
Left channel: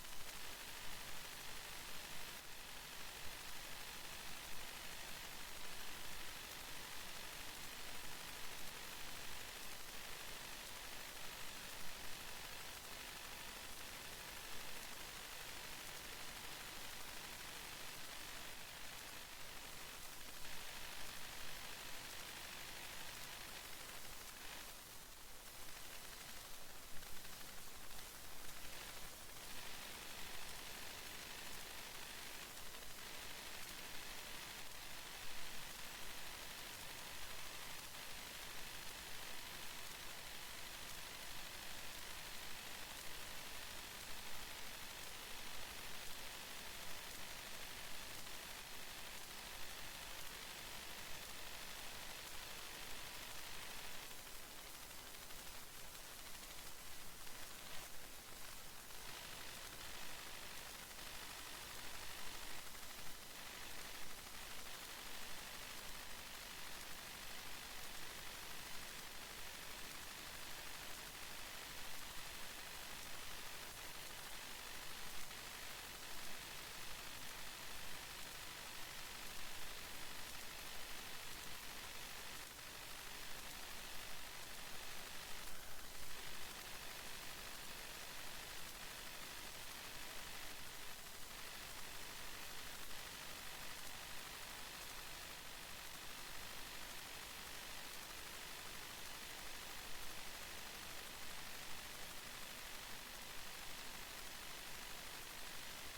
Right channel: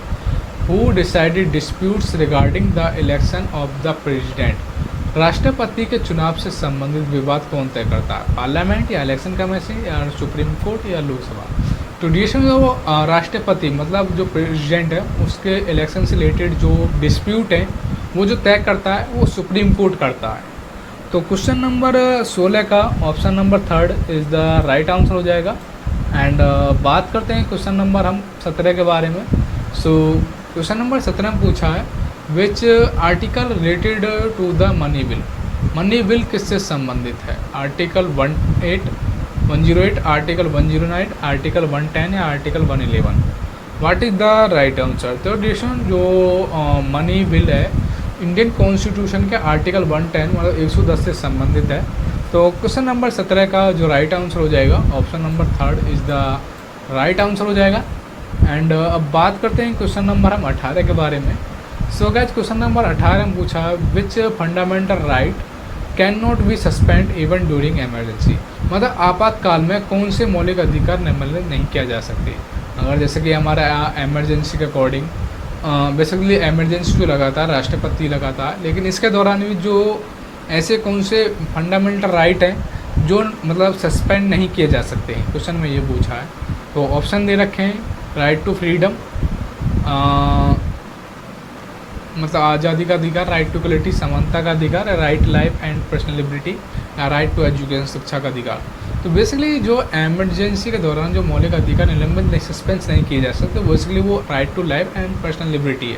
who decided disputes regarding the election of the president. राष्ट्रपति के चुनाव से संबंधित विवाद कौन तय करता है? पार्लियामेंट या इलेक्शन कमीशन या सुप्रीम कोर्ट या लोकसभा? तो देश में जो राष्ट्रपति मतलब जो प्रेसिडेंट है उसके इलेक्शन से रिलेटेड जो डिस्प्यूट है वो जो तय करता है वो सुप्रीम कोर्ट करता है। तो क्वेश्चन नंबर 16 का option number third is the right answer हो जाएगा। एंड बात करते हैं क्वेश्चन नंबर हम 17 के बारे में। सो क्वेश्चन नंबर 17 में पूछा है which article related to the money bill. Money bill किससे संबंधित है? आर्टिकल 108, आर्टिकल 109, आर्टिकल 110 या article 111। What is the right answer? तो डिशन जो मनी बिल है इंडियन कॉन्स्टिट्यूशन के आर्टिकल 110 मतलब 110 से संबंधित है। तो क्वेश्चन नंबर 17 का जो राइट आंसर हो जाएगा option number third is the right answer हो जाएगा। एंड अब बात करते हैं क्वेश्चन नंबर हम 18 के बारे में। सो गाइस क्वेश्चन नंबर 18 में पूछा which fundamental right can not be suspended even during emergency. मतलब आपातकाल में कौन से मौलिक अधिकार निम्नलिखित नहीं किया जा सकते? अगर जैसे कि हमारा एमरजेंसी के अकॉर्डिंग बेसिकली एमरजेंसी जो लगाता है राष्ट्रपति लगाता है, लेकिन इसके दौरान भी जो ऐसे कौन से फंडामेंटल राइट हैं जो मतलब सस्पेंड नहीं किए जा सकते हैं, क्वेश्चन में ये पूछा है। तो ऑप्शन दे रखे हैं राइट टू फ्रीडम मतलब आज़ादी का अधिकार, राइट टू इक्वलिटी समानता का अधिकार, right life and personal liberty, या राइट टू एजुकेशन शिक्षा का अधिकार। तो बेसिकली जो एमरजेंसी के दौरान जो मौलिक अधिकार निलंबित नहीं सस्पेंस नहीं किए जा सकते बेसिकली वो right to life and personal liberty है,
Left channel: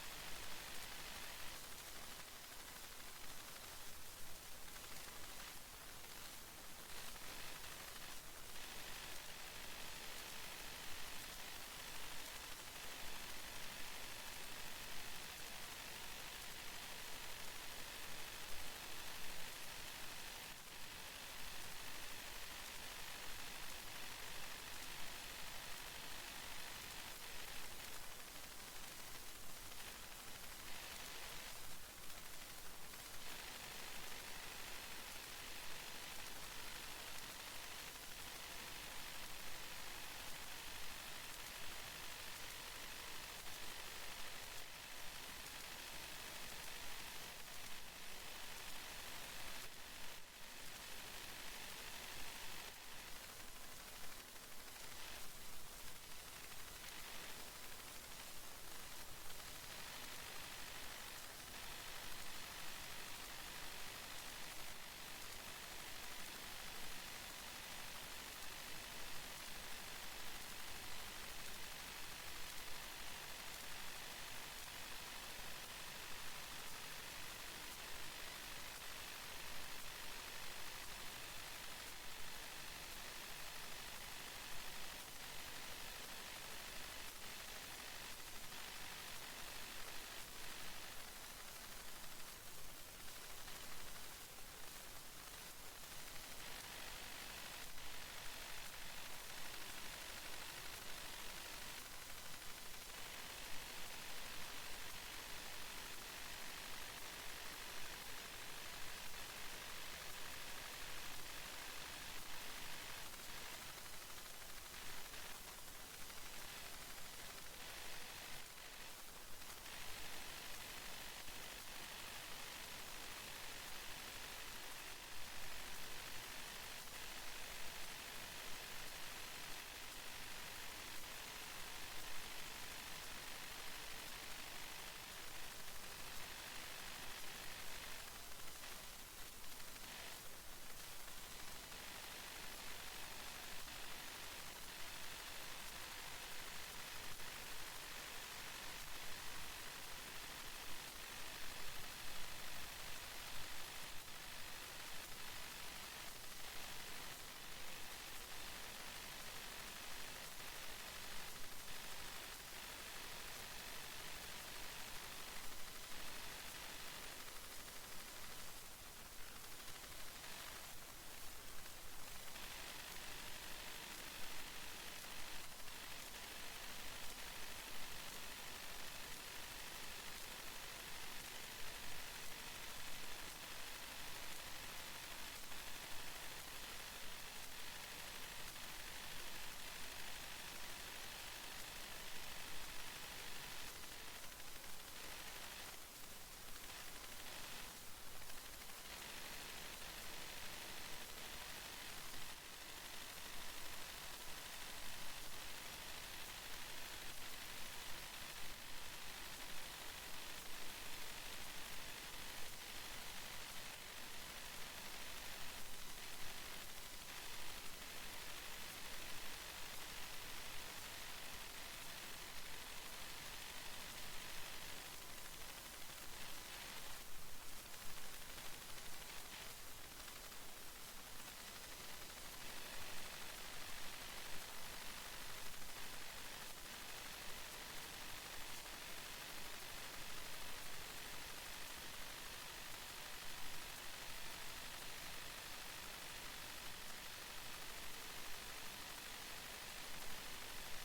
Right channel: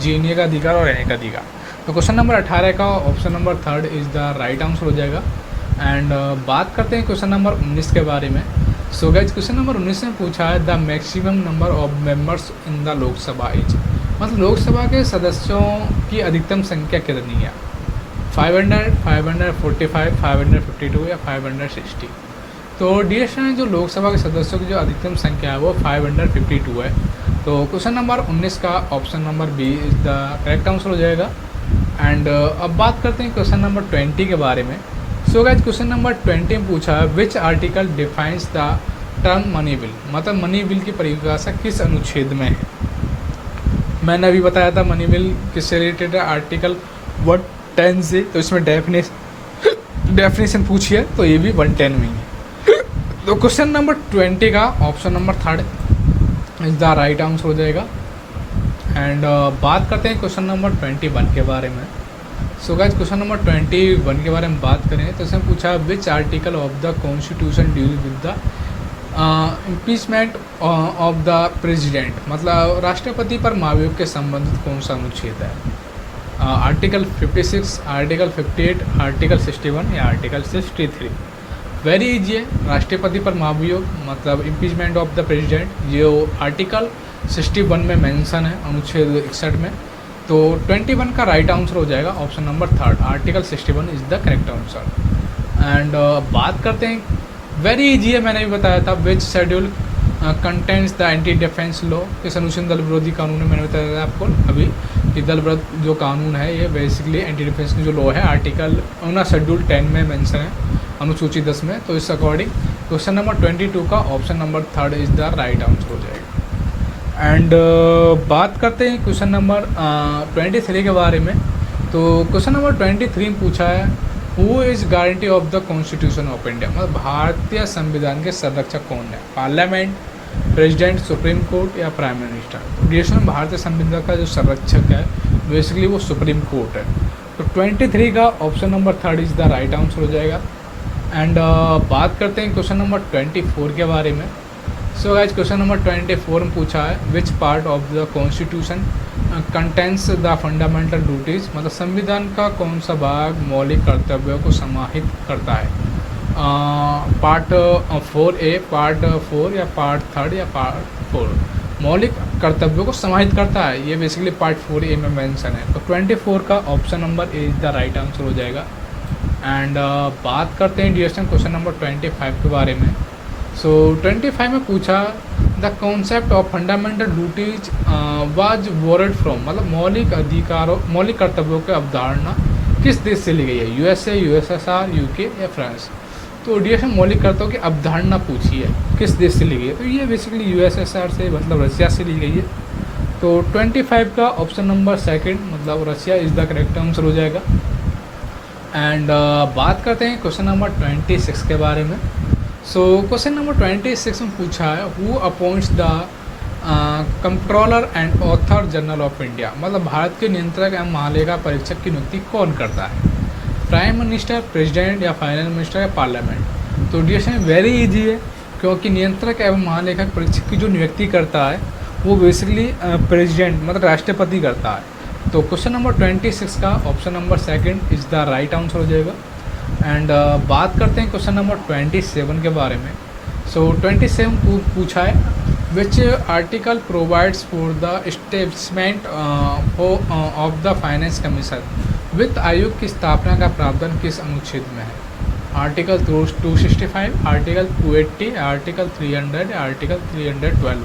जीने का अधिकार और रहने का अधिकार। तो क्वेश्चन नंबर 18 का option number third is the right answer हो जाएगा। एंड बात करते हैं क्वेश्चन नंबर 19 के बारे में। सो गाइस क्वेश्चन नंबर 19 में पूछा है the maximum number of members in the Lok Sabha is. मतलब लोकसभा के सदस्यों की अधिकतम संख्या कितनी है? 500, 545, 552 या 560। तो डीएस में जो लोकसभा के सदस्यों की जो अधिकतम संख्या है वो 552 है। तो क्वेश्चन नंबर 19 का option number B is the correct answer हो जाएगा। एंड अब बात करते हैं क्वेश्चन नंबर 20 के बारे में। सो गाइस क्वेश्चन नंबर 20 में पूछा है which article defines the term money bill. मतलब मनी बिल की परिभाषा किस अनुच्छेद में है? मैंने अभी बताया था मनी बिल किससे रिलेटेड है, आर्टिकल 110 से। तो इसमें डेफिनेशन पूछी है तो ये भी 110 में ही है। तो क्वेश्चन नंबर 20 का option number third is the right answer हो जाएगा। एंड बात करते हैं क्वेश्चन नंबर 21 के बारे में। सो गाइस क्वेश्चन नंबर 21 के बारे में बात करें तो इसमें पूछा which article of the constitution deal with the impeachment of the president. मतलब राष्ट्रपति पर महाभियोग के संबंधित कौन सा अनुच्छेद है? आर्टिकल 56, आर्टिकल 58, आर्टिकल 61 या आर्टिकल 63। वेरी इजी है, राष्ट्रपति पर महाभियोग मतलब इम्पीचमेंट ऑफ द प्रेसिडेंट जो आर्टिकल 61 में मेंशन है अनुच्छेद 61 में। तो 21 का राइट आंसर हो जाएगा option number third, article 61 is the correct answer. And बात करते हैं वेरी इजी है, मैंने भी बताया था which schedule contents the anti defence law. किस अनुच्छेद दल विरोधी कानून है मैंने बताया था आपको अभी कि दल विरोध जो कानून है ये बेसिकली एंटी डिफेंस जो लॉ है आर्टिकल शेड्यूल 10 में मेंशन है अनुसूची 10 में। तो इस अकॉर्डिंग क्वेश्चन नंबर 22 का option number third is the right answer हो जाएगा। एंड बात करते हैं क्वेश्चन नंबर 23 के बारे में। तो क्वेश्चन नंबर 23 में पूछा है who is guarantee of the constitution of India. मतलब भारतीय संविधान के संरक्षक कौन है? पार्लियामेंट, प्रेसिडेंट, सुप्रीम कोर्ट या प्राइम मिनिस्टर। देश में भारतीय संविधान का जो संरक्षक है बेसिकली वो सुप्रीम कोर्ट है। तो 23 का option number third is the right answer हो जाएगा। एंड बात करते हैं क्वेश्चन नंबर 24 के बारे में। सो गाइस क्वेश्चन नंबर 24 में पूछा है which part of the constitution contains the fundamental duties. मतलब संविधान का कौन सा भाग मौलिक कर्तव्यों को समाहित करता है? पार्ट 4A, पार्ट 4 या पार्ट 3 या पार्ट 4। मौलिक कर्तव्यों को समाहित करता है ये बेसिकली पार्ट 4A में मेंशन है। तो 24 का option number A is the right answer हो जाएगा। एंड बात करते हैं डिस्कशन क्वेश्चन नंबर 25 के बारे में। सो 25 में पूछा the concept of fundamental duties was borrowed from. मतलब मौलिक कर्तव्यों की अवधारणा किस देश से ली गई है? USA, USSR, UK या फ्रांस। तो डिस्कशन मौलिक कर्तव्यों की अवधारणा पूछी है किस देश से ली गई है? तो ये बेसिकली USSR से मतलब रशिया से ली गई है। तो 25 का ऑप्शन नंबर सेकंड मतलब Russia is the correct answer हो जाएगा। एंड बात करते हैं क्वेश्चन नंबर 26 के बारे में। सो क्वेश्चन नंबर 26 में पूछा है, who appoints the controller and author general of India, मतलब भारत के नियंत्रक एवं महालेखा परीक्षक की नियुक्ति कौन करता है? प्राइम मिनिस्टर, प्रेसिडेंट या फाइनेंस मिनिस्टर या पार्लियामेंट? तो डिस्कशन वेरी इजी है, क्योंकि नियंत्रक एवं महालेखक परीक्षक की जो नियुक्ति करता है वो बेसिकली प्रेसिडेंट मतलब राष्ट्रपति करता है। तो क्वेश्चन नंबर 26 का option number second is the right answer हो जाएगा। एंड बात करते हैं क्वेश्चन नंबर 27 के बारे में। सो 27 पूछा है, which article provides for the establishment of the finance commission, वित्त आयोग की स्थापना का प्रावधान किस अनुच्छेद में है? Article 265, article 280, article 300, article 312।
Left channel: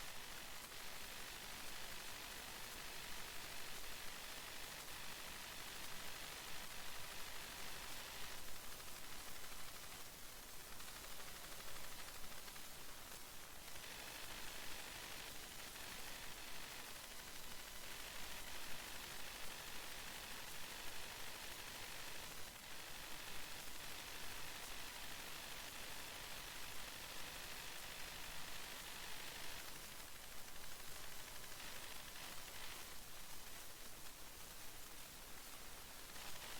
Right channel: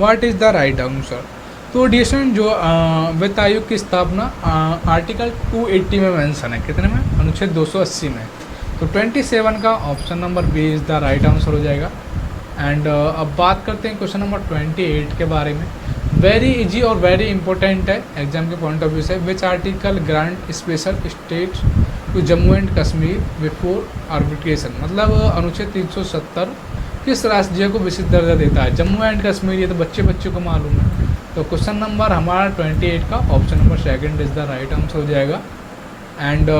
What is the right answer? तो डिस्कशन जो वित्त आयोग की स्थापना आर्टिकल 280 में मेंशन है, कितने में? अनुच्छेद 280 में। तो 27 का option number B is the right answer हो जाएगा। एंड अब बात करते हैं क्वेश्चन नंबर 28 के बारे में। वेरी इजी और वेरी इंपॉर्टेंट है एग्जाम के पॉइंट ऑफ व्यू से। Which article grant special state to Jammu and Kashmir before arbitration, मतलब अनुच्छेद 370 किस राज्य को विशिष्ट दर्जा देता है? जम्मू एंड कश्मीर, ये तो बच्चे को मालूम है। तो क्वेश्चन नंबर हमारा 28 का option number second is the right answer हो जाएगा। एंड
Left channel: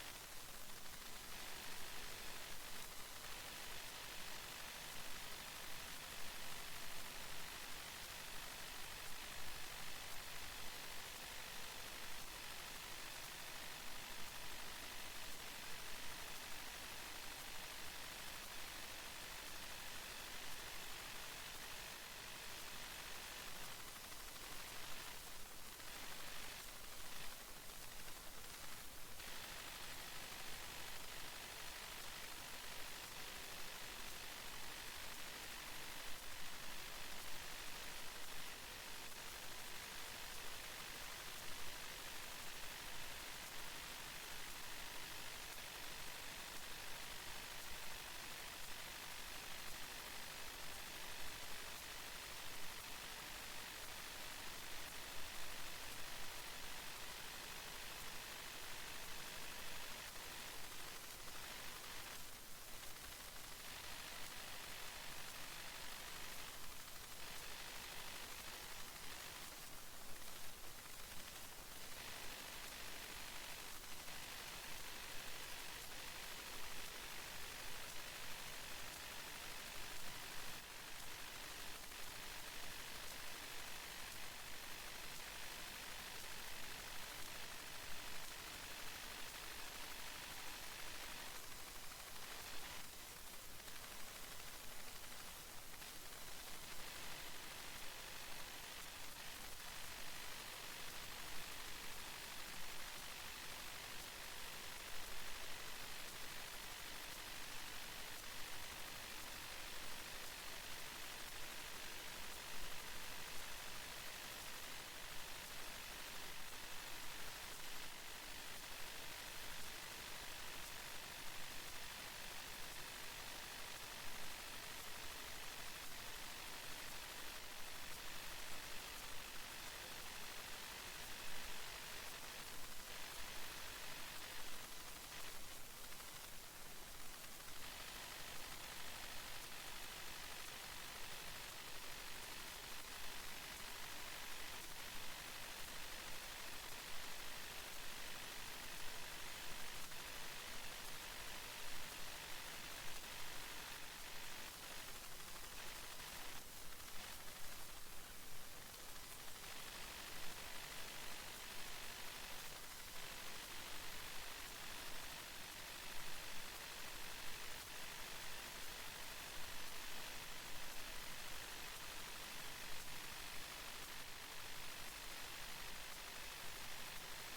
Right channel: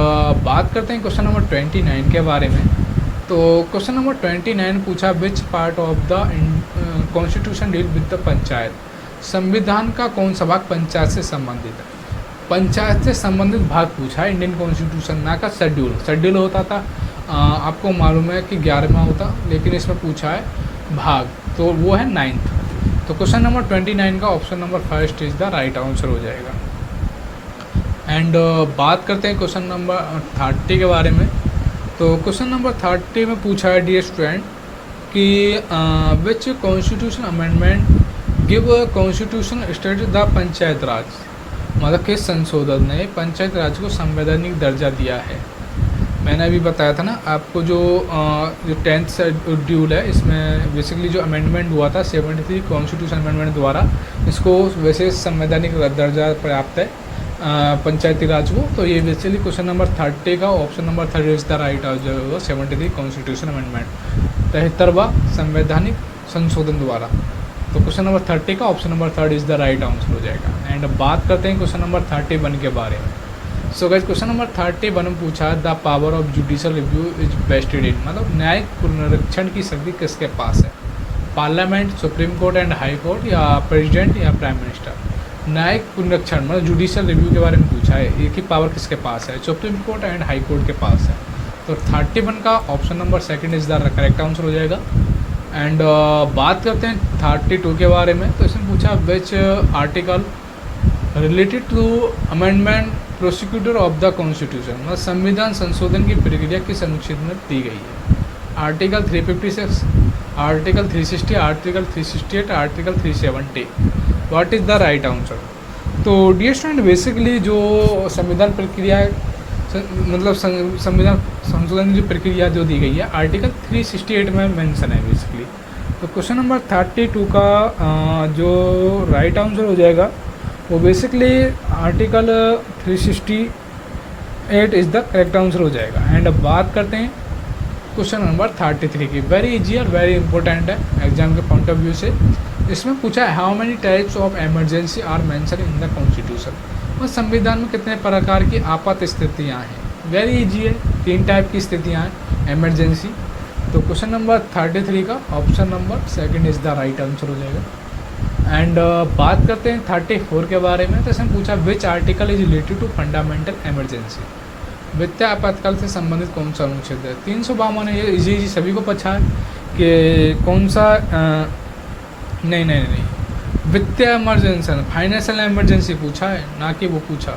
बात करते हैं क्वेश्चन नंबर 29 के बारे में। तो क्वेश्चन नंबर 29 पूछा, which part of the constitution deal with the panchayat, संविधान का कौन सा भाग पंचायत से संबंधित है? पंचायत से संबंधित भाग पूछा है इंडियन कॉन्स्टिट्यूशन, ना का शेड्यूल होता था आपको मालूम है कि 11वां होता, लेकिन इसमें पूछा है भाग, तो वो है 9th। तो क्वेश्चन नंबर 29 का option number first is the right answer हो जाएगा। एंड बात करते हैं क्वेश्चन नंबर 30 के बारे में। तो क्वेश्चन नंबर 30 में पूछा है, डियर स्टूडेंट, कि which constitution amendment give constitution state the panchayat raj, मतलब किस संशोधन ने पंचायत राज को संवैधानिक दर्जा दिया है? मैंने अभी बताया था ना आपको, जो 10th शेड्यूल है, इसमें बेसिकली जो अमेंडमेंट हुआ था 73 कॉन्स्टिट्यूशन अमेंडमेंट द्वारा, इसको विशेष संवैधानिक दर्जा प्राप्त है पंचायती राज को। तो ये बेसिकली क्वेश्चन नंबर 30 का option number 30 is the right answer, 73 constitution amendment, 73वां संवैधानिक संशोधन द्वारा। तो क्वेश्चन नंबर 30 का option number 3 is the right answer हो जाएगा। एंड बात करते हैं क्वेश्चन नंबर 31 के बारे में। सो गाइस क्वेश्चन नंबर 31 में पूछा, the power of judicial review is vested in, मतलब न्यायिक पुनरीक्षण की शक्ति किसके पास है? Parliament, supreme court and high court, या प्रेसिडेंट या प्राइम मिनिस्टर? न्यायिक पुनरीक्षण मतलब जुडिशियल रिव्यू के बारे में पूछा है, एक ही पावर किसके पास है? Supreme court and high court के पास है। तो 31 का option number second is the correct answer हो जाएगा। एंड बात करते हैं 32 के बारे में। तो इसमें पूछा, which article related to amendment prosecutor of the constitution, मतलब संविधान संशोधन की प्रक्रिया किस अनुच्छेद में दी गई है? Article 356, article 360, article 368, article 370। What is the right answer? तो डियर स्टूडेंट, बेसिकली जो संविधान प्रक्रिया मतलब संविधान संशोधन की जो प्रक्रिया जो दी गई है आर्टिकल 368 में मेंशन है बेसिकली। तो क्वेश्चन नंबर 32 का जो राइट आंसर हो जाएगा वो basically article 368 is the correct answer हो जाएगा। एंड अब बात करते हैं क्वेश्चन नंबर 33 की। वेरी इजी और वेरी इंपॉर्टेंट है एग्जाम के पॉइंट ऑफ व्यू से। इसमें पूछा है, how many types of emergency are mention in the constitution, और संविधान में कितने प्रकार की आपात स्थितियाँ हैं? वेरी इजी है, 3 टाइप की स्थितियाँ हैं इमरजेंसी। तो क्वेश्चन नंबर 33 का option number second is the right answer हो जाएगा। एंड बात करते हैं 34 के बारे में। तो इसमें पूछा, which article is related to fundamental emergency, वित्तीय आपातकाल से संबंधित कौन सा अनुच्छेद है? 352 है। ये इजी सभी को पता है कि कौन सा नहीं वित्तीय इमरजेंसी, फाइनेंशियल इमरजेंसी पूछा है, ना कि वो पूछा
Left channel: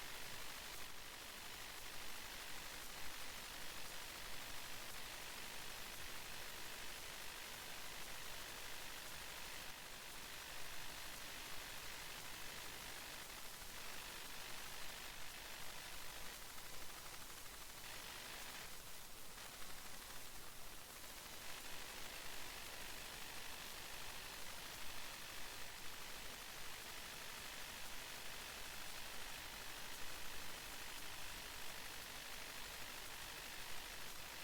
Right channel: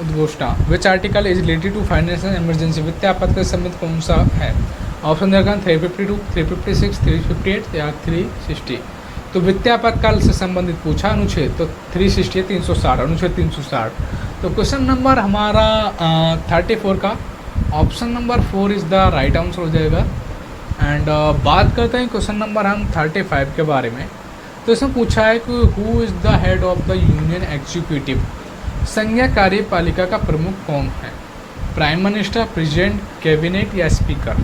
उद्घोषणा। Which article is related to financial emergency, वित्तीय आपातकाल से संबंधित कौन सा है? ऑप्शन देखा 352, 356, 358 या 360। तो वित्तीय आपातकाल से संबंधित पूछा अनुच्छेद, तो 360 360, अनुच्छेद 360। तो क्वेश्चन नंबर हमारा 34 का option number 4 is the right answer हो जाएगा। एंड बात करते हैं क्वेश्चन नंबर हम 35 के बारे में। तो इसमें पूछा है कि who is the head of the union executive, संघीय कार्यपालिका का प्रमुख कौन है? प्राइम मिनिस्टर, प्रेसिडेंट, कैबिनेट या स्पीकर?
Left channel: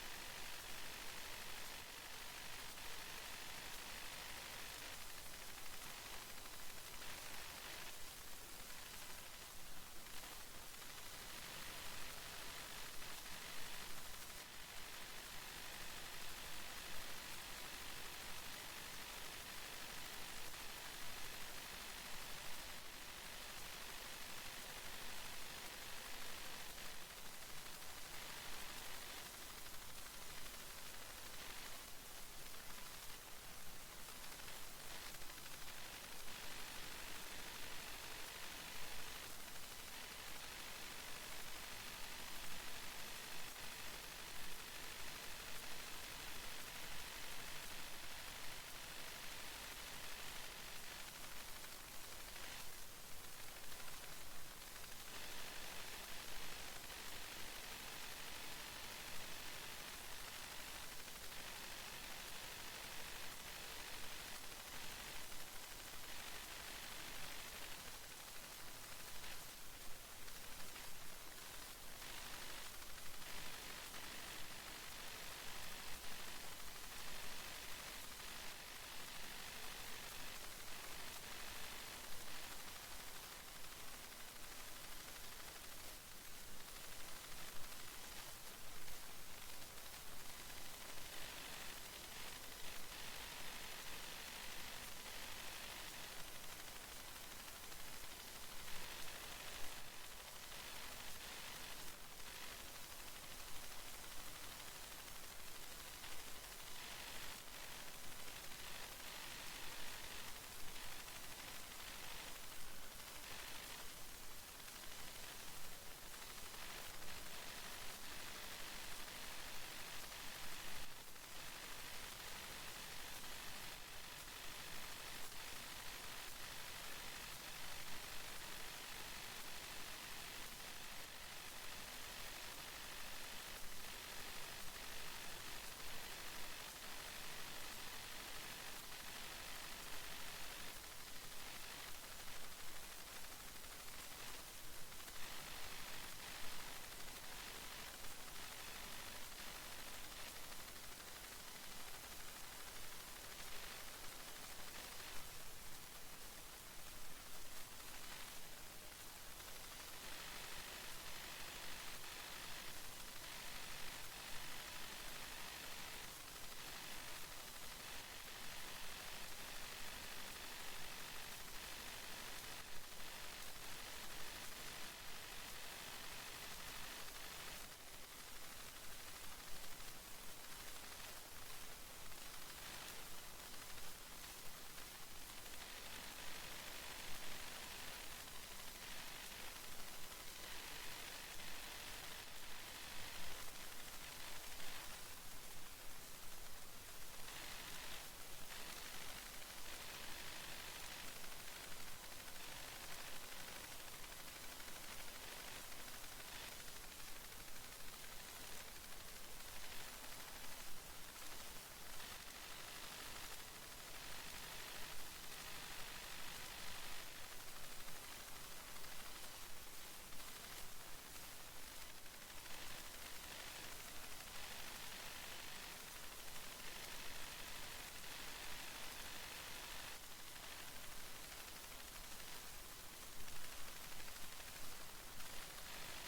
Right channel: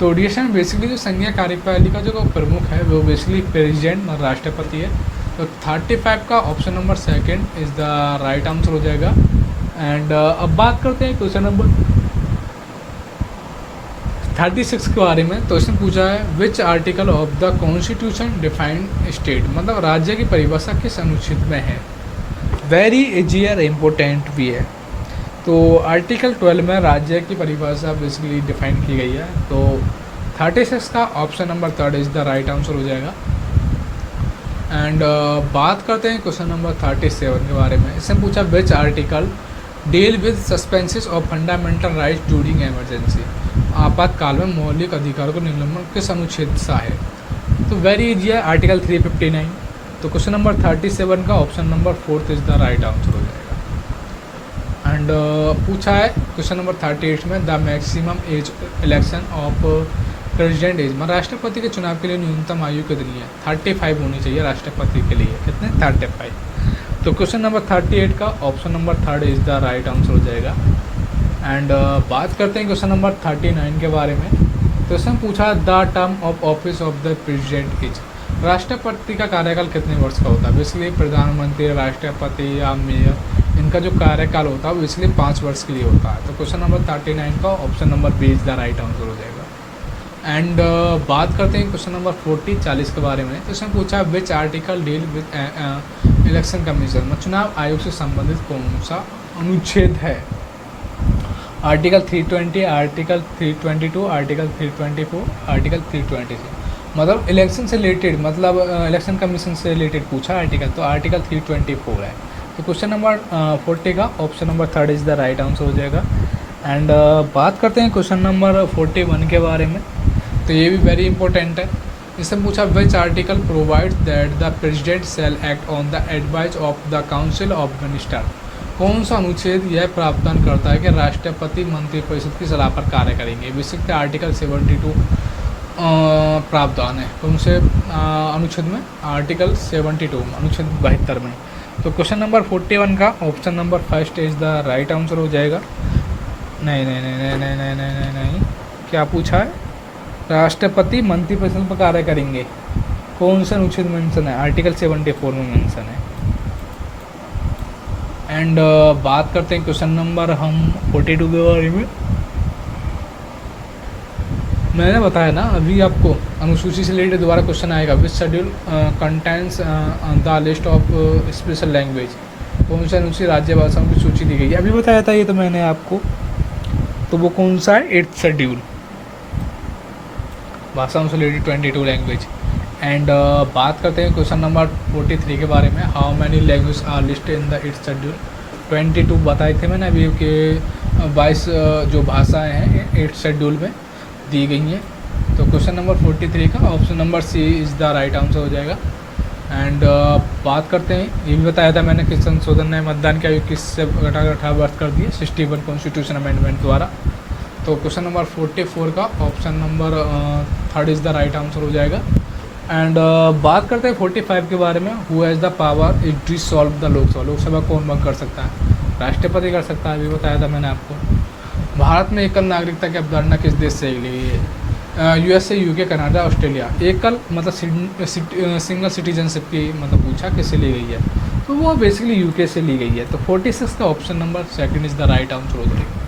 तो ओडिशा में बेसिकली जो संघीय कार्यपालिका जो प्रमुख है वो बेसिकली प्रेसिडेंट और राष्ट्रपति है। तो 35 का option number second is the right answer हो जाएगा। एंड अब बात करते हैं क्वेश्चन नंबर 36 के बारे में। तो इसने पूछा है which article of the constitution defined state, मतलब राज्य की परिभाषा किस अनुच्छेद में है। वेरी इजी और इम्पोर्टेंट भी है। तो आर्टिकल 12 में राज्य की परिभाषा बेसिकली डिफाइन की गई है। तो 36 का option number third is the right answer हो जाएगा। एंड बात करते हैं क्वेश्चन नंबर 37 के बारे में। इसने पूछा which article deal with suspenses of fundamental rights during emergency, आपातकाल में मौलिक अधिकारों को निलंबन किस अनुच्छेद सा है। तो वेरी इजी है, आर्टिकल 359। तो क्वेश्चन नंबर 37 का option number fourth is the right answer हो जाएगा। एंड पूछा है क्वेश्चन नंबर 38 में the maximum age election of president age, मतलब राष्ट्रपति के चुनाव के लिए न्यूनतम आयु कितनी है। 35 होनी चाहिए राष्ट्रपति के लिए, कितने 35। तो क्वेश्चन नंबर 38 का option number third is the right answer हो जाएगा। एंड बात करते हैं क्वेश्चन नंबर 39 के बारे में। तो इसमें पूछा the term of office of the president is, राष्ट्रपति का कार्यकाल कितने वर्ष का होता है। बेसिकली प्रधानमंत्री, राष्ट्रपति या मेयर, इनका जो कार्यकाल होता है वो इसलिए 5 वर्ष के लिए होता है। तो क्वेश्चन नंबर 39 का option number B is the right answer हो जाएगा। एंड बात करते हैं क्वेश्चन नंबर 40 के बारे में। तो इसमें पूछा which article deal with election commission, चुनाव आयोग से संबंधित कौन सा अनुच्छेद है। आर्टिकल 320, आर्टिकल 322, आर्टिकल 324, आर्टिकल 326, मतलब इलेक्शन से रिलेटेड, मतलब इलेक्शन कमीशन से रिलेटेड पूछा आर्टिकल, तो आर्टिकल 324 है। तो क्वेश्चन नंबर 40 का option number third is the right answer हो जाएगा। एंड बात करते हैं क्वेश्चन नंबर 41 के बारे में। तो ये भी वेरी इंपॉर्टेंट है। इससे पूछा which article provides that the president shell act on the advice of the council of minister, कौन सा अनुच्छेद यह प्रावधान करता है कि राष्ट्रपति मंत्रिपरिषद की सलाह पर कार्य करेंगे। बेसिकली आर्टिकल 72 प्रावधान है कौन से अनुच्छेद में, आर्टिकल 72 अनुच्छेद 72 में। तो क्वेश्चन नंबर 41 का option number first is the right answer हो जाएगा। नहीं नहीं नहीं नहीं नहीं नहीं नहीं नहीं नहीं क्या पूछा है, राष्ट्रपति मंत्रिपरिषद पर कार्य करेंगे, कौन सा अनुच्छेद मेंशन है, आर्टिकल 74 में मेंशन है। एंड बात करते हैं क्वेश्चन नंबर हम 42 के बारे में। मैंने बताया ना अभी आपको, अनुसूची से रिलेटेड दोबारा क्वेश्चन आएगा। Which schedule contains the list of special language, कौन सा अनुसूची राज्य भाषाओं की सूची दी गई है। अभी बताया था ये तो मैंने आपको, तो वो कौन सा है, 8th शेड्यूल, भाषाओं से रिलेटेड 22 लैंग्वेज। एंड बात करते हैं क्वेश्चन नंबर 43 के बारे में। How many language are listed in the 8th schedule. 22 बताए थे मैंने अभी के 22 जो भाषाएँ हैं 8th शेड्यूल में दी गई हैं। तो क्वेश्चन नंबर 43 का option number C is the right answer हो जाएगा। एंड बात करते हैं, ये भी बताया था मैंने कि संशोधन ने मतदान की आयु किस से घटाकर 18 वर्ष कर दिए 61 कॉन्स्टिट्यूशन अमेंडमेंट द्वारा। तो क्वेश्चन नंबर 44 का option number third is the right answer हो जाएगा। एंड बात करते हैं 45 के बारे में। Who has the power is dissolve the Lok Sabha, Lok Sabha कौन भंग कर सकता है, राष्ट्रपति कर सकता है, अभी बताया था मैंने आपको। भारत में एकल नागरिकता की अवधारणा किस देश से ली गई है। USA, UK, Canada, Australia. एकल मतलब सिंगल सिटीजनशिप की मतलब पूछा किससे ली गई है, तो वो बेसिकली यूके से ली गई है। तो 46 का option number second is the right answer हो जाएगा।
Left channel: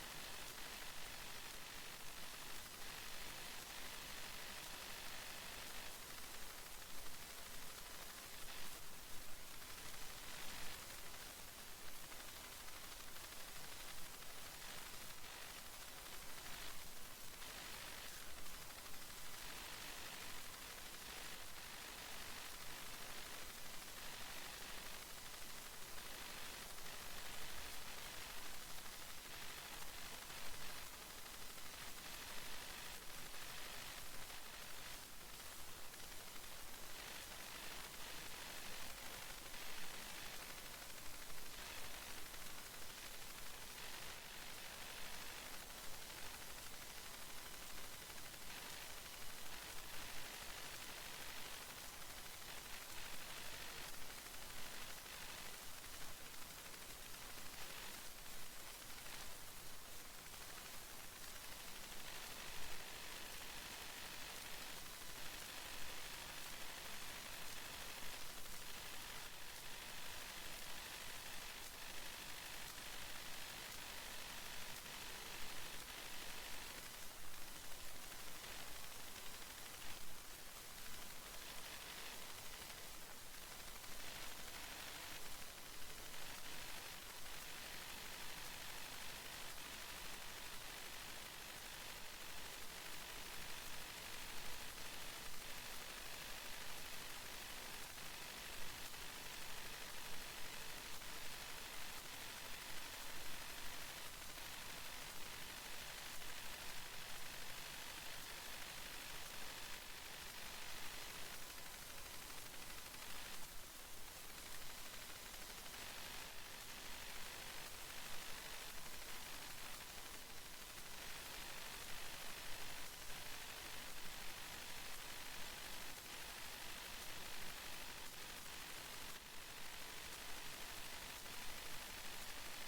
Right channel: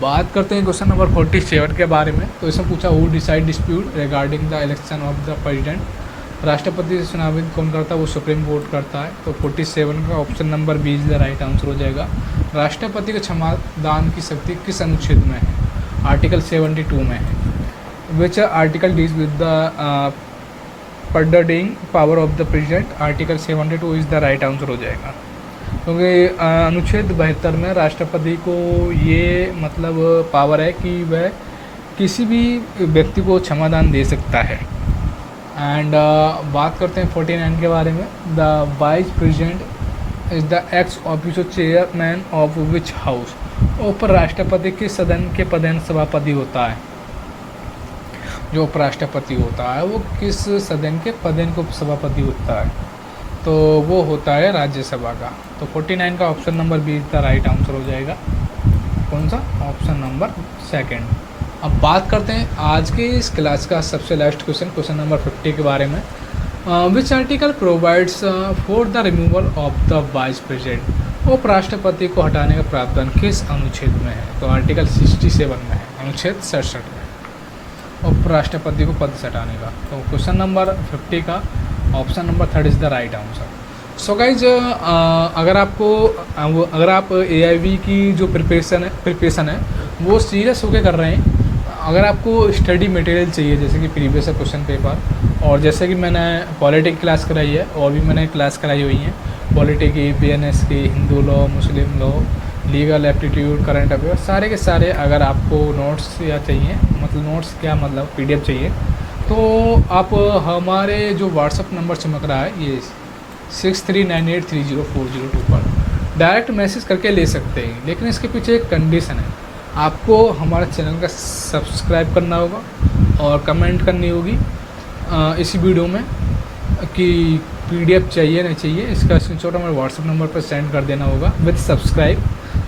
बात करते हैं क्वेश्चन नंबर 47 के बारे में। तो इसमें पूछा who decide dispute regarding the election of the president, राष्ट्रपति से चुनावित कौन करता है, वो सुप्रीम कोर्ट करता है। तो 47 का option number B is the right answer हो जाएगा। राष्ट्रपति को क्षमादान की शक्ति किस अनुच्छेद में है, आर्टिकल 72 में है। Which article deals with the pardoning power of the president, article 72 is the right answer हो जाएगा। क्योंकि अनुच्छेद 72 में राष्ट्रपति को ये मतलब पावर है कि वह किसी भी व्यक्ति को क्षमादान दे सकता है। एंड बात करते हैं 49 के बारे में। The vice president is the x official chairman of which house, उपराष्ट्रपति किस सदन के पदेन सभापति होता है। जो उपराष्ट्रपति होता है वो किस सदन के पदेन को सभापति होता है, तो वो होता है राज्यसभा का। तो 49 का option number be the right answer हो जाएगा। कौन सा, ऑप्शन नंबर सेकंड। अब बात करते हैं आज के इस क्लास का सबसे लास्ट क्वेश्चन नंबर 50 के बारे में। Which article provides for the removal of the vice president. उपराष्ट्रपति को हटाने का प्रावधान किस अनुच्छेद में है? तो आर्टिकल 67 में है, अनुच्छेद 67 में उपराष्ट्रपति को पद से हटाने का। तो क्वेश्चन नंबर 50 का option number 3 is the right answer. So guys, अगर आप AIV की जो प्रिपरेशन है वो सीरियस होकर कर रहे हैं, अगर आपको स्टडी मटेरियल चाहिए जैसे कि प्रीवियस क्वेश्चन पेपर, और जैसे कि मैंने पॉलिटिक क्लास कराई है और भी मैंने क्लास कराई हुई है पॉलिटिक की, BNS की, हिंदू लॉ, मुस्लिम law, legal aptitude, current affair, सारे के सारे अगर आपको नोट्स या चाहिए, मतलब नोट्स क्या मतलब PDF चाहिए, तो आप हमारे जो व्हाट्सअप नंबर चमक रहा है ये 6398304002 पर डायरेक्ट मैसेज करके ले सकते हैं। लेकिन इसके पीछे एक कंडीशन है, आपको हमारे चैनल का सब्सक्राइब करना होगा और कमेंट करनी होगी इसी वीडियो में कि PDF चाहिए नहीं चाहिए, इसका स्क्रीनशॉट हमारे व्हाट्सएप नंबर पर सेंड कर देना होगा विद सब्सक्राइब।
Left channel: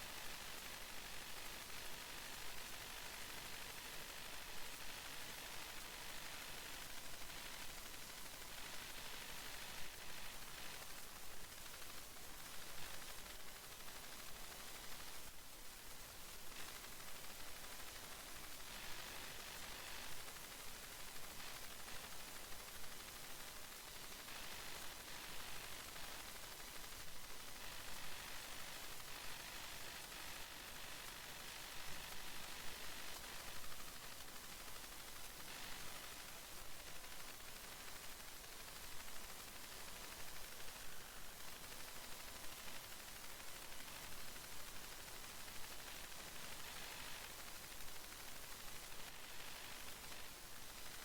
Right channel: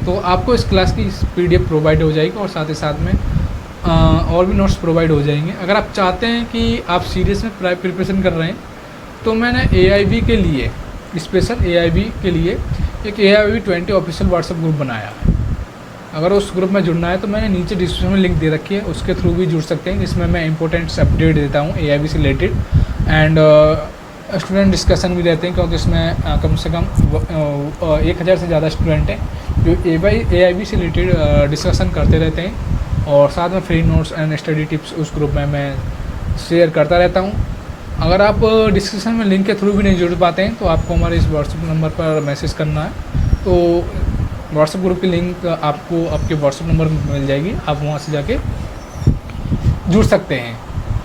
तो आपको इस क्लास की PDF प्रोवाइड हो जाएगी और साथ ही साथ में और भी नोट्स प्रोवाइड हो जाएंगे। अगर आप चाहते हैं कि आप सीरियस में प्रिपरेशन कर रहे हैं तो मैंने AIV के लिए, स्पेशल AIV के लिए एक AIV 20 ऑफिशियल व्हाट्सएप ग्रुप बनाया है। अगर उस ग्रुप में जुड़ना है तो मैंने नीचे डिस्क्रिप्शन में लिंक दे रखी है, उसके थ्रू भी जुड़ सकते हैं, जिसमें मैं इंपॉर्टेंट अपडेट देता हूँ AIV से रिलेटेड, एंड स्टूडेंट डिस्कशन भी रहते हैं, क्योंकि इसमें कम से कम 1000 से ज़्यादा स्टूडेंट हैं जो AIV से रिलेटेड डिस्कशन करते रहते हैं, और साथ में free notes and study tips उस ग्रुप में मैं शेयर करता रहता हूँ। अगर आप डिस्क्रिप्शन में लिंक के थ्रू भी नहीं जुड़ पाते हैं तो आपको हमारे इस व्हाट्सएप नंबर पर मैसेज करना है, तो व्हाट्सएप ग्रुप की लिंक आपको आपके व्हाट्सएप नंबर में मिल जाएगी, आप वहाँ से जाके जुड़ सकते हैं।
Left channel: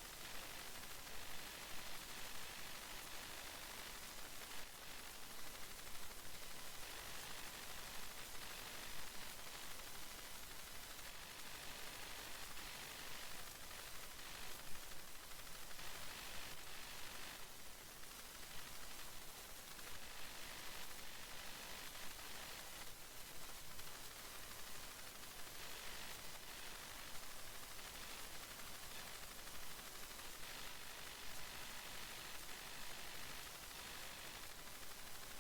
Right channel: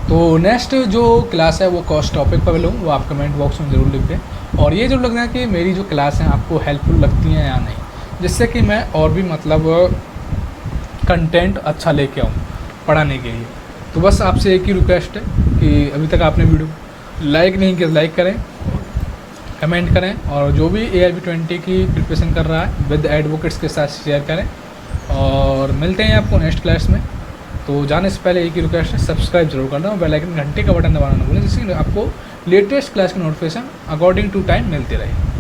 तो नेक्स्ट जो क्लास है वो कॉस्ट टॉपिक पर लूँ, वो आप कमेंट बॉक्स में ज़रूर लिख दें, और ये जरूर लगना है कि मेरी जो क्लास है आपको हेल्पफुल लगती हैं या नहीं, जिससे कि मैं और भी मतलब कंटेंट अच्छा लेके आऊँ पढ़ाने के लिए। तो बस आपसे एक ही रिक्वेस्ट है कि अभी तक आपने वीडियो लाइक नहीं किया, लाइक करें, कमेंट करें, और जो भी AIV 20 की प्रिपरेशन कर रहा है विद एडवोकेट्स के साथ शेयर करें, और मिलते हैं आपको नेक्स्ट क्लास में। तो जाने से पहले एक ही रिक्वेस्ट है, सब्सक्राइब जरूर करना और बेल आइकन घंटे का बटन दबाना ना भूलें, जिससे आपको लेटेस्ट क्लास की नोटिफिकेशन अकॉर्डिंग टू टाइम मिलती रहे।